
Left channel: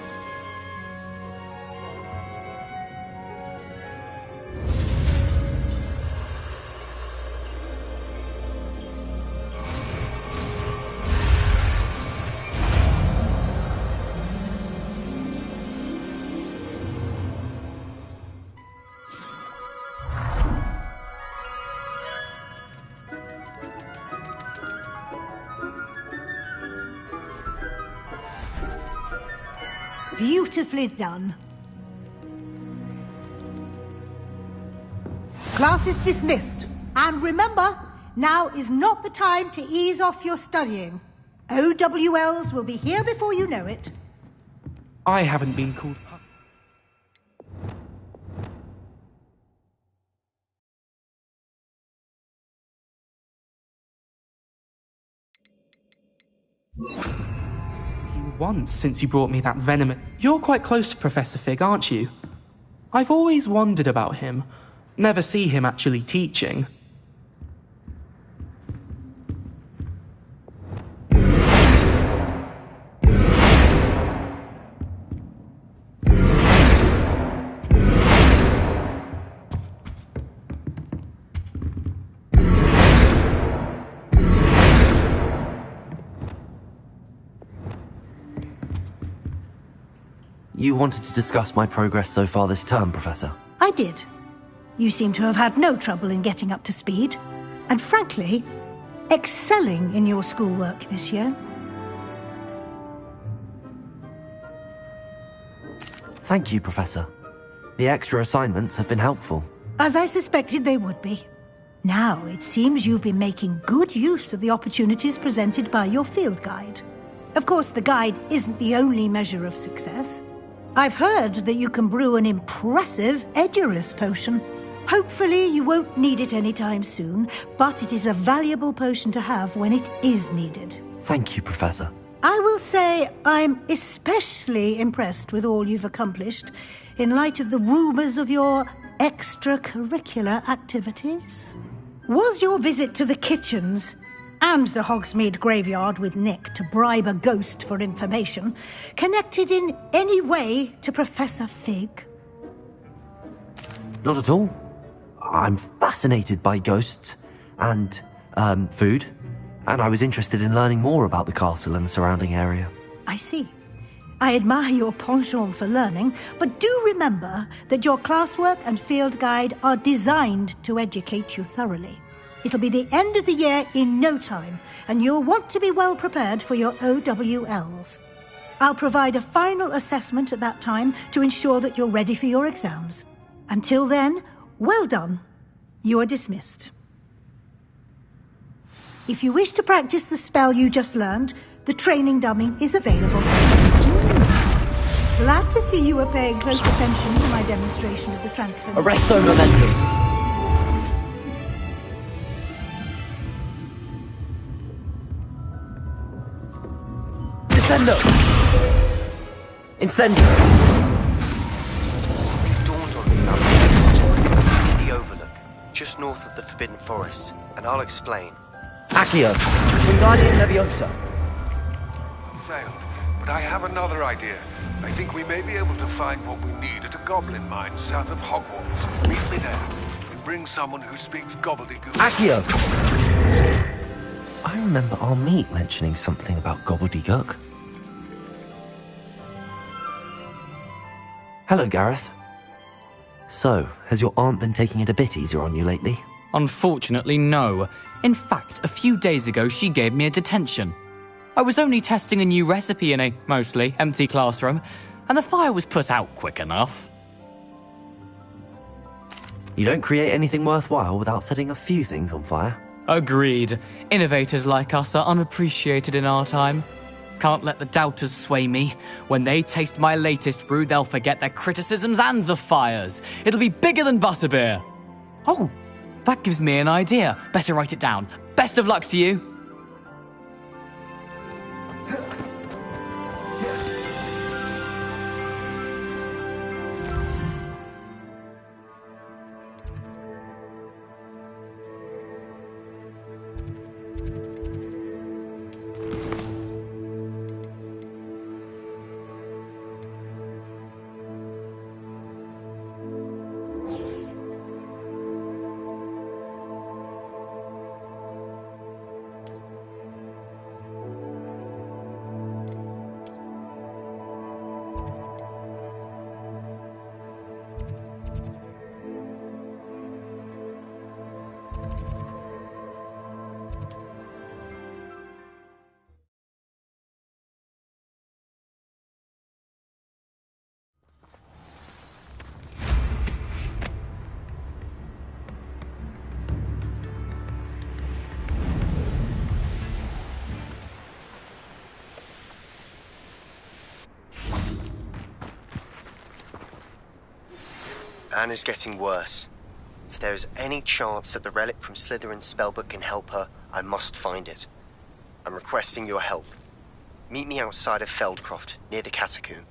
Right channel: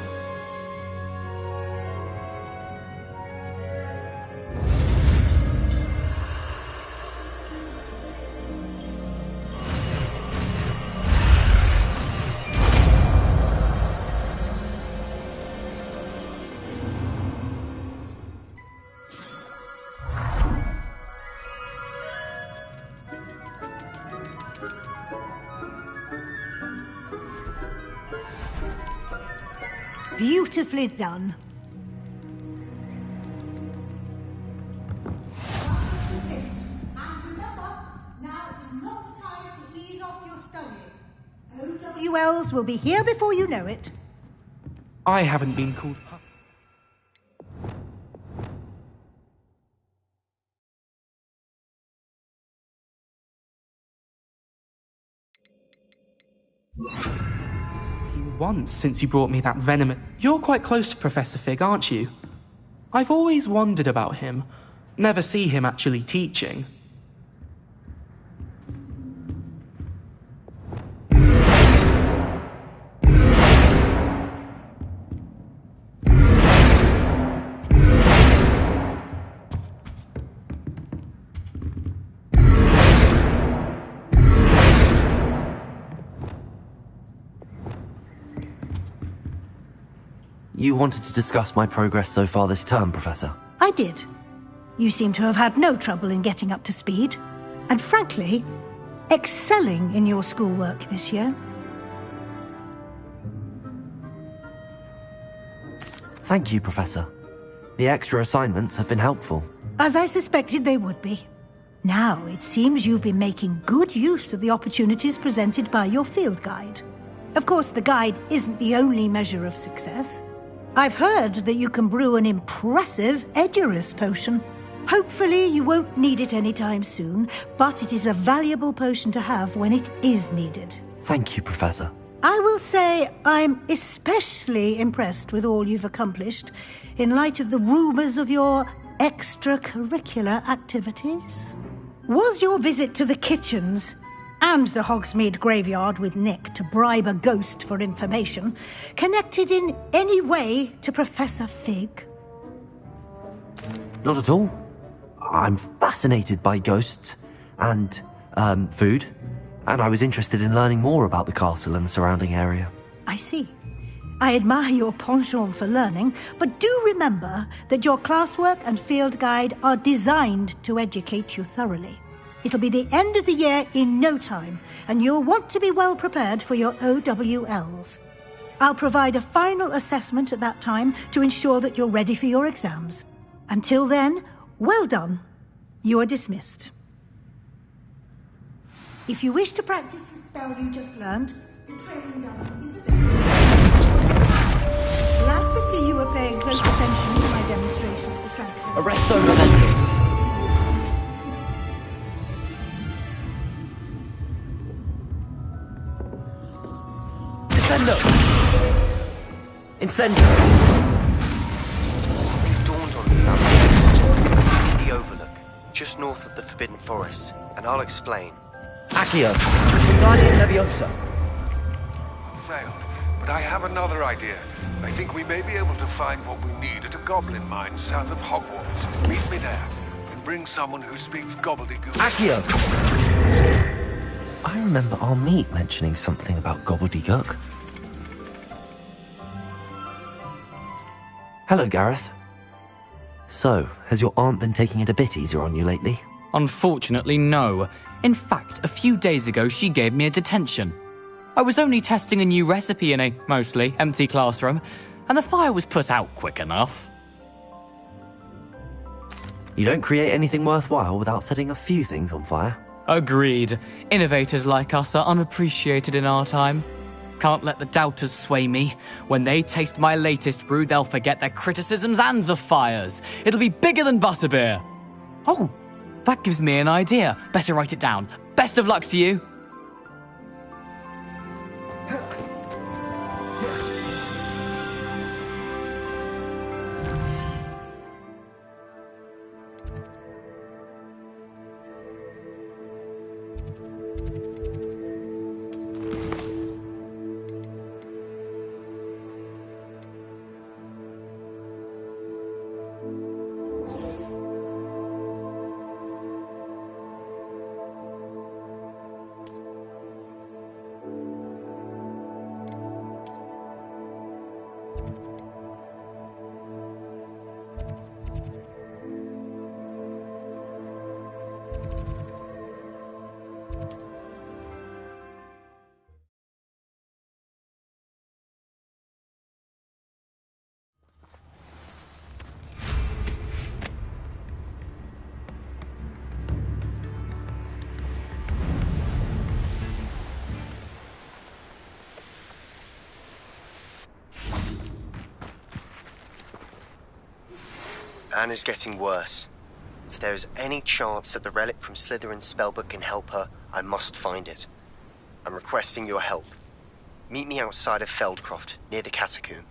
Beautifully done. Class is dismissed. And remember, now is not the time to ease off your studying. OWLs will be here before you know it. I haven't been called puff. Once since you brought me that venom. You're quite close to Professor Fig, aren't you? I've always wondered about him. Never see him actually teaching. You wanted to discuss my progress so far this term, Professor? I did. You seem to have had no trouble in getting up to speed. And frankly, excelling in your schoolwork this year. Thank you, Professor. The extra assignments have been helpful. As I suspected they would be. Now, it seems you've been making good use of the opportunities presented by your field guide. Of course, the guide isn't the only measure of success. I've heard that you can brew an impressive Edurus potion. Hopefully you won't need it anytime soon, but it is a valuable potion to have when it is needed. Thank you, Professor. I will say I'm especially impressed with all you've accomplished in light of the rumours of your extracurricular activities. Was your visit to the kitchens and the Hogsmeade graveyard with Nick to bribe a ghost for information connected in any way to Professor Fig? Not at all. I'm fascinated by ghosts and, food, and I was interested in learning more about the castle and the surrounding area. I see. I admire your penchant for learning, but do remember that your classwork and field guide are designed to educate you thoroughly. It'll be the end of the year in no time, and you'll want to be well prepared for your OWLs. I'll provide a final assessment at that time to ensure that you're ready for your exams. Until then, well done. You are dismissed. If you wish to practice the spell you just learned, the training dummy is available. Glad to see you are paying close attention to my demonstration of the transformation. Arresto momentum. Incendio! Incendio! Something dawned on me about the Overlook, just north of the Forbidden Forest, and I'll explain. Accio! Wingardium Leviosa! Failed, but I have another idea. I think we may be able to find what we need at a goblin mine south of Hogwarts. Meet me there, and bring someone who speaks gobbledygook. Accio! I remember our meet mentioning something about gobbledygook. Hello, Gareth. So, has your aunt been taking it a bit easier on you lately? Unfortunately, no. In fact, a few days ago, she gave me a detention. I was only testing a new recipe in a mostly empty classroom, and the fire was put out quick enough. You don't create anything worthwhile without setting a few things on fire. Agreed. Innovators like us are unappreciated in our time. Can't let the doubters sway me. When they taste my latest brew, they'll forget their criticisms and the fires. It'll be bigger than butterbeer. Oh, that gives me an idea. Better write it down. Best of luck to you. Anne is getting worse. If there is any chance that the relic from Slytherin's spellbook can help her, I must find it. I'm requesting your help. Meet me outside of Feldcroft, near the catacomb.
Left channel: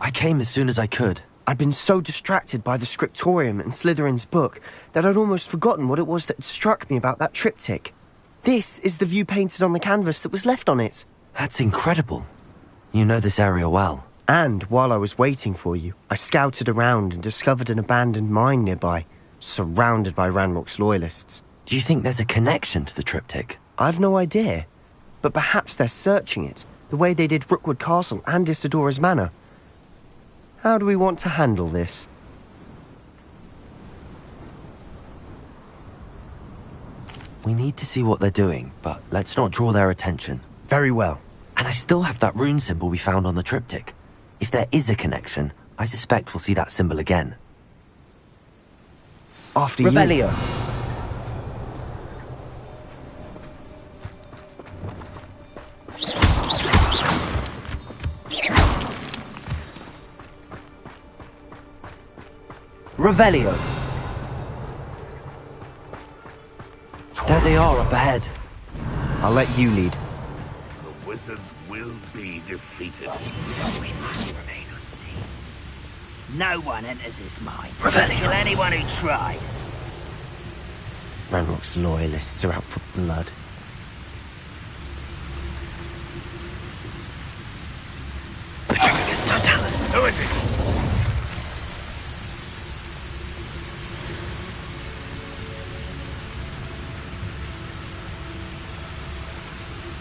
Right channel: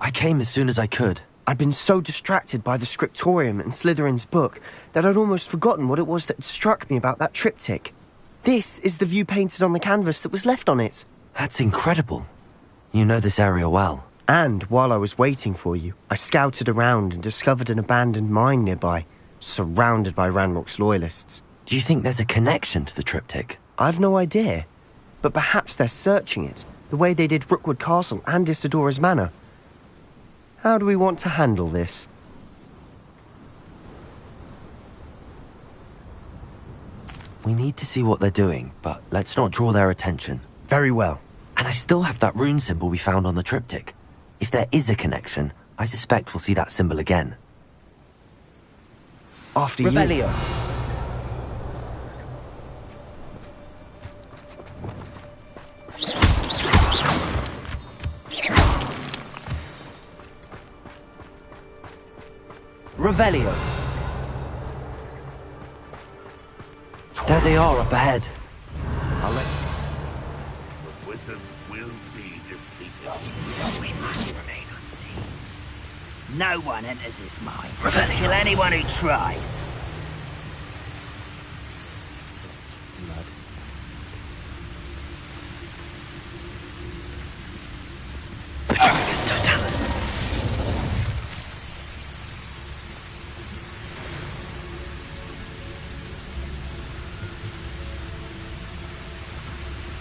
I came as soon as I could. I'd been so distracted by the scriptorium and Slytherin's book that I'd almost forgotten what it was that struck me about that triptych. This is the view painted on the canvas that was left on it. That's incredible. You know this area well. And while I was waiting for you, I scouted around and discovered an abandoned mine nearby, surrounded by Ranrock's loyalists. Do you think there's a connection to the triptych? I've no idea, but perhaps they're searching it, the way they did Rookwood Castle and Isidora's Manor. How do we want to handle this? We need to see what they're doing, but let's not draw their attention. Very well. And I still have that rune symbol we found on the triptych. If there is a connection, I suspect we'll see that symbol again. After Revelio. Revelio. There they are up ahead. I'll let you lead. The wizards will be defeated. We must remain unseen. No one enters this mine. Revelio. Kill anyone who tries. Ranrock's loyalists are out for blood. Petrificus Totalis. Do it.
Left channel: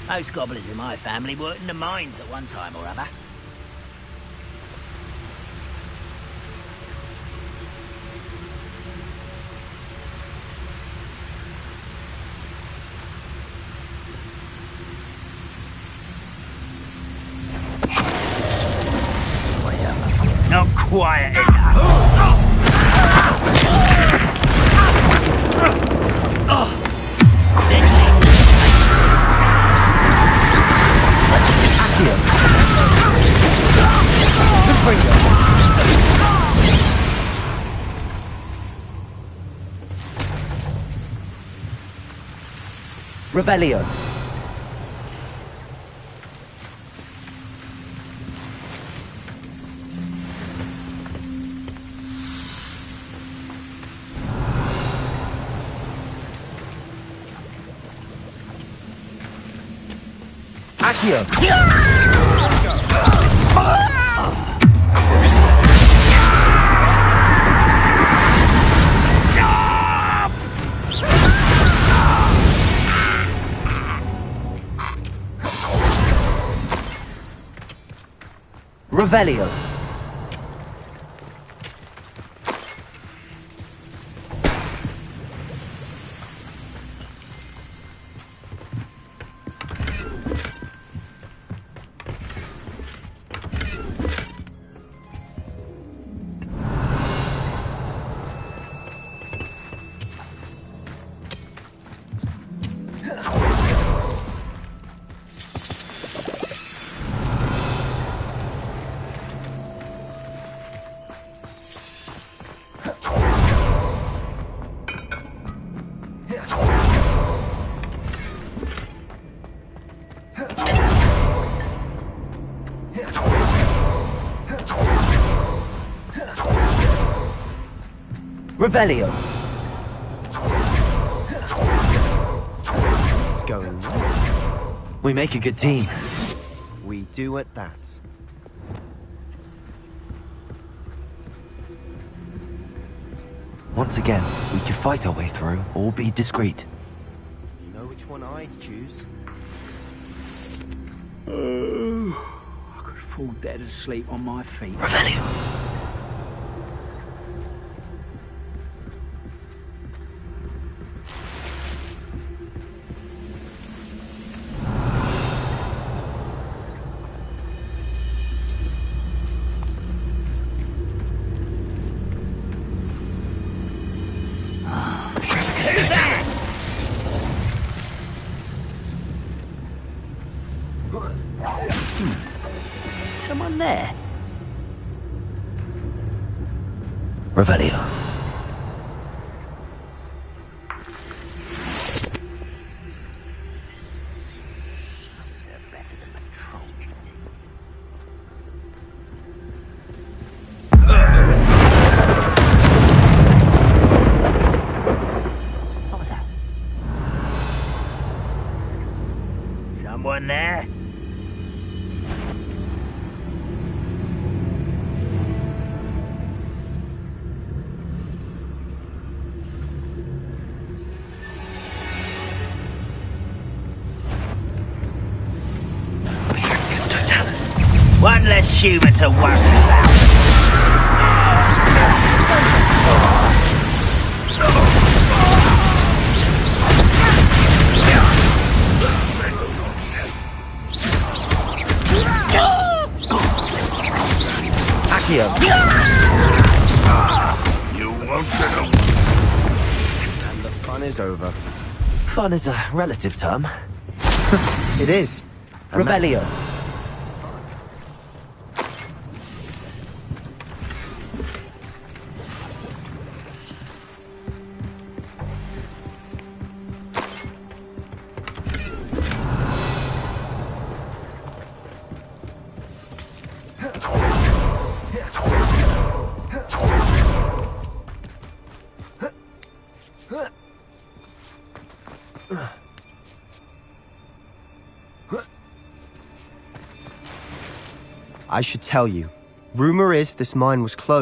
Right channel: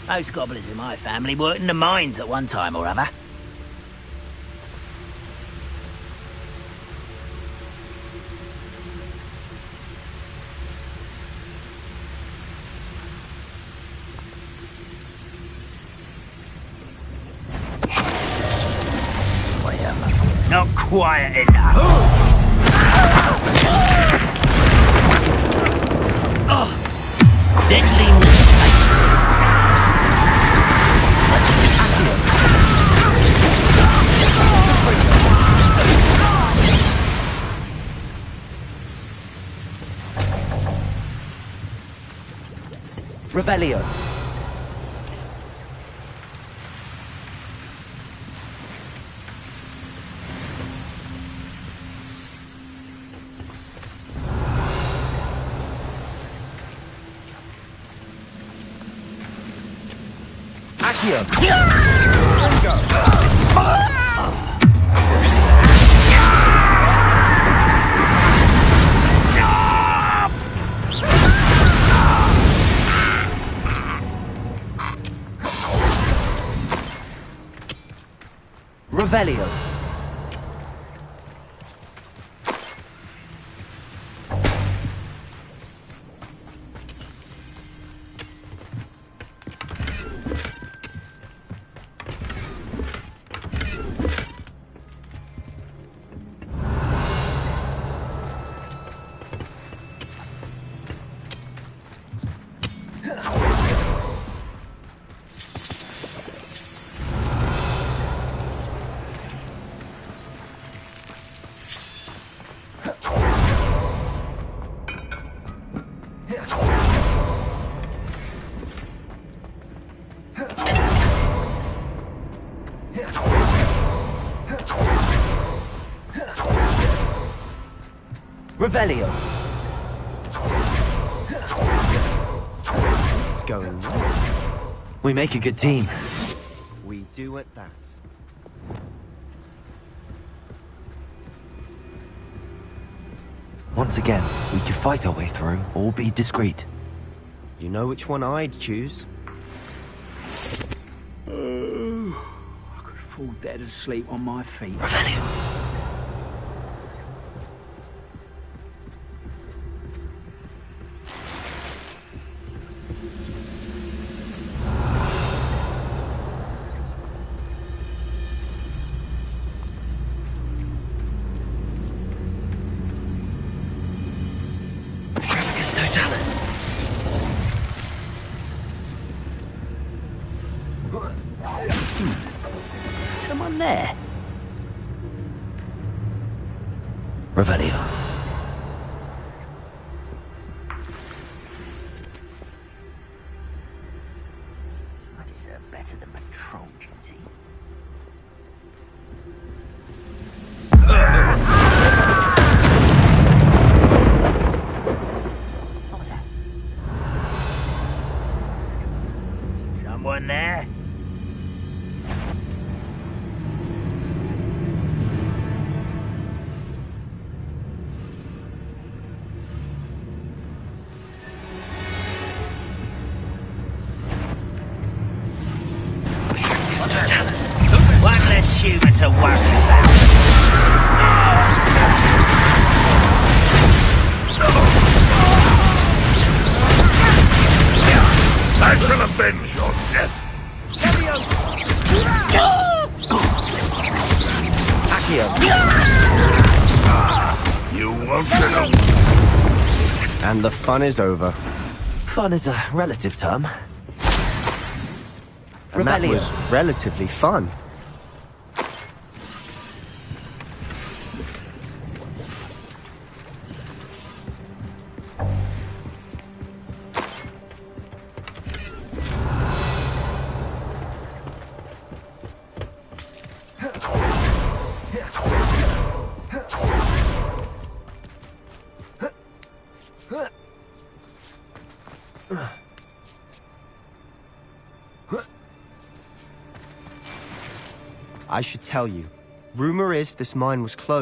Most goblins in my family worked in the mines at one time or other. Not quiet enough. Revelio. Accio. Revelio. Revelio. This is going well. We make a good team. We do at that. Once again, we could fight our way through, or be discreet. You know which one I'd choose? I could fall dead asleep on my feet. Revelio. Someone there? Revelio. I deserve better than patrol duty. What was that? Someone there? One less human to worry about. I should have avenged your death. Accio. You won't know. And the fun is over. Fun is a relative term. It is. And that Revelio. was relatively fun. I should tell you. Rumor is this mine was closed.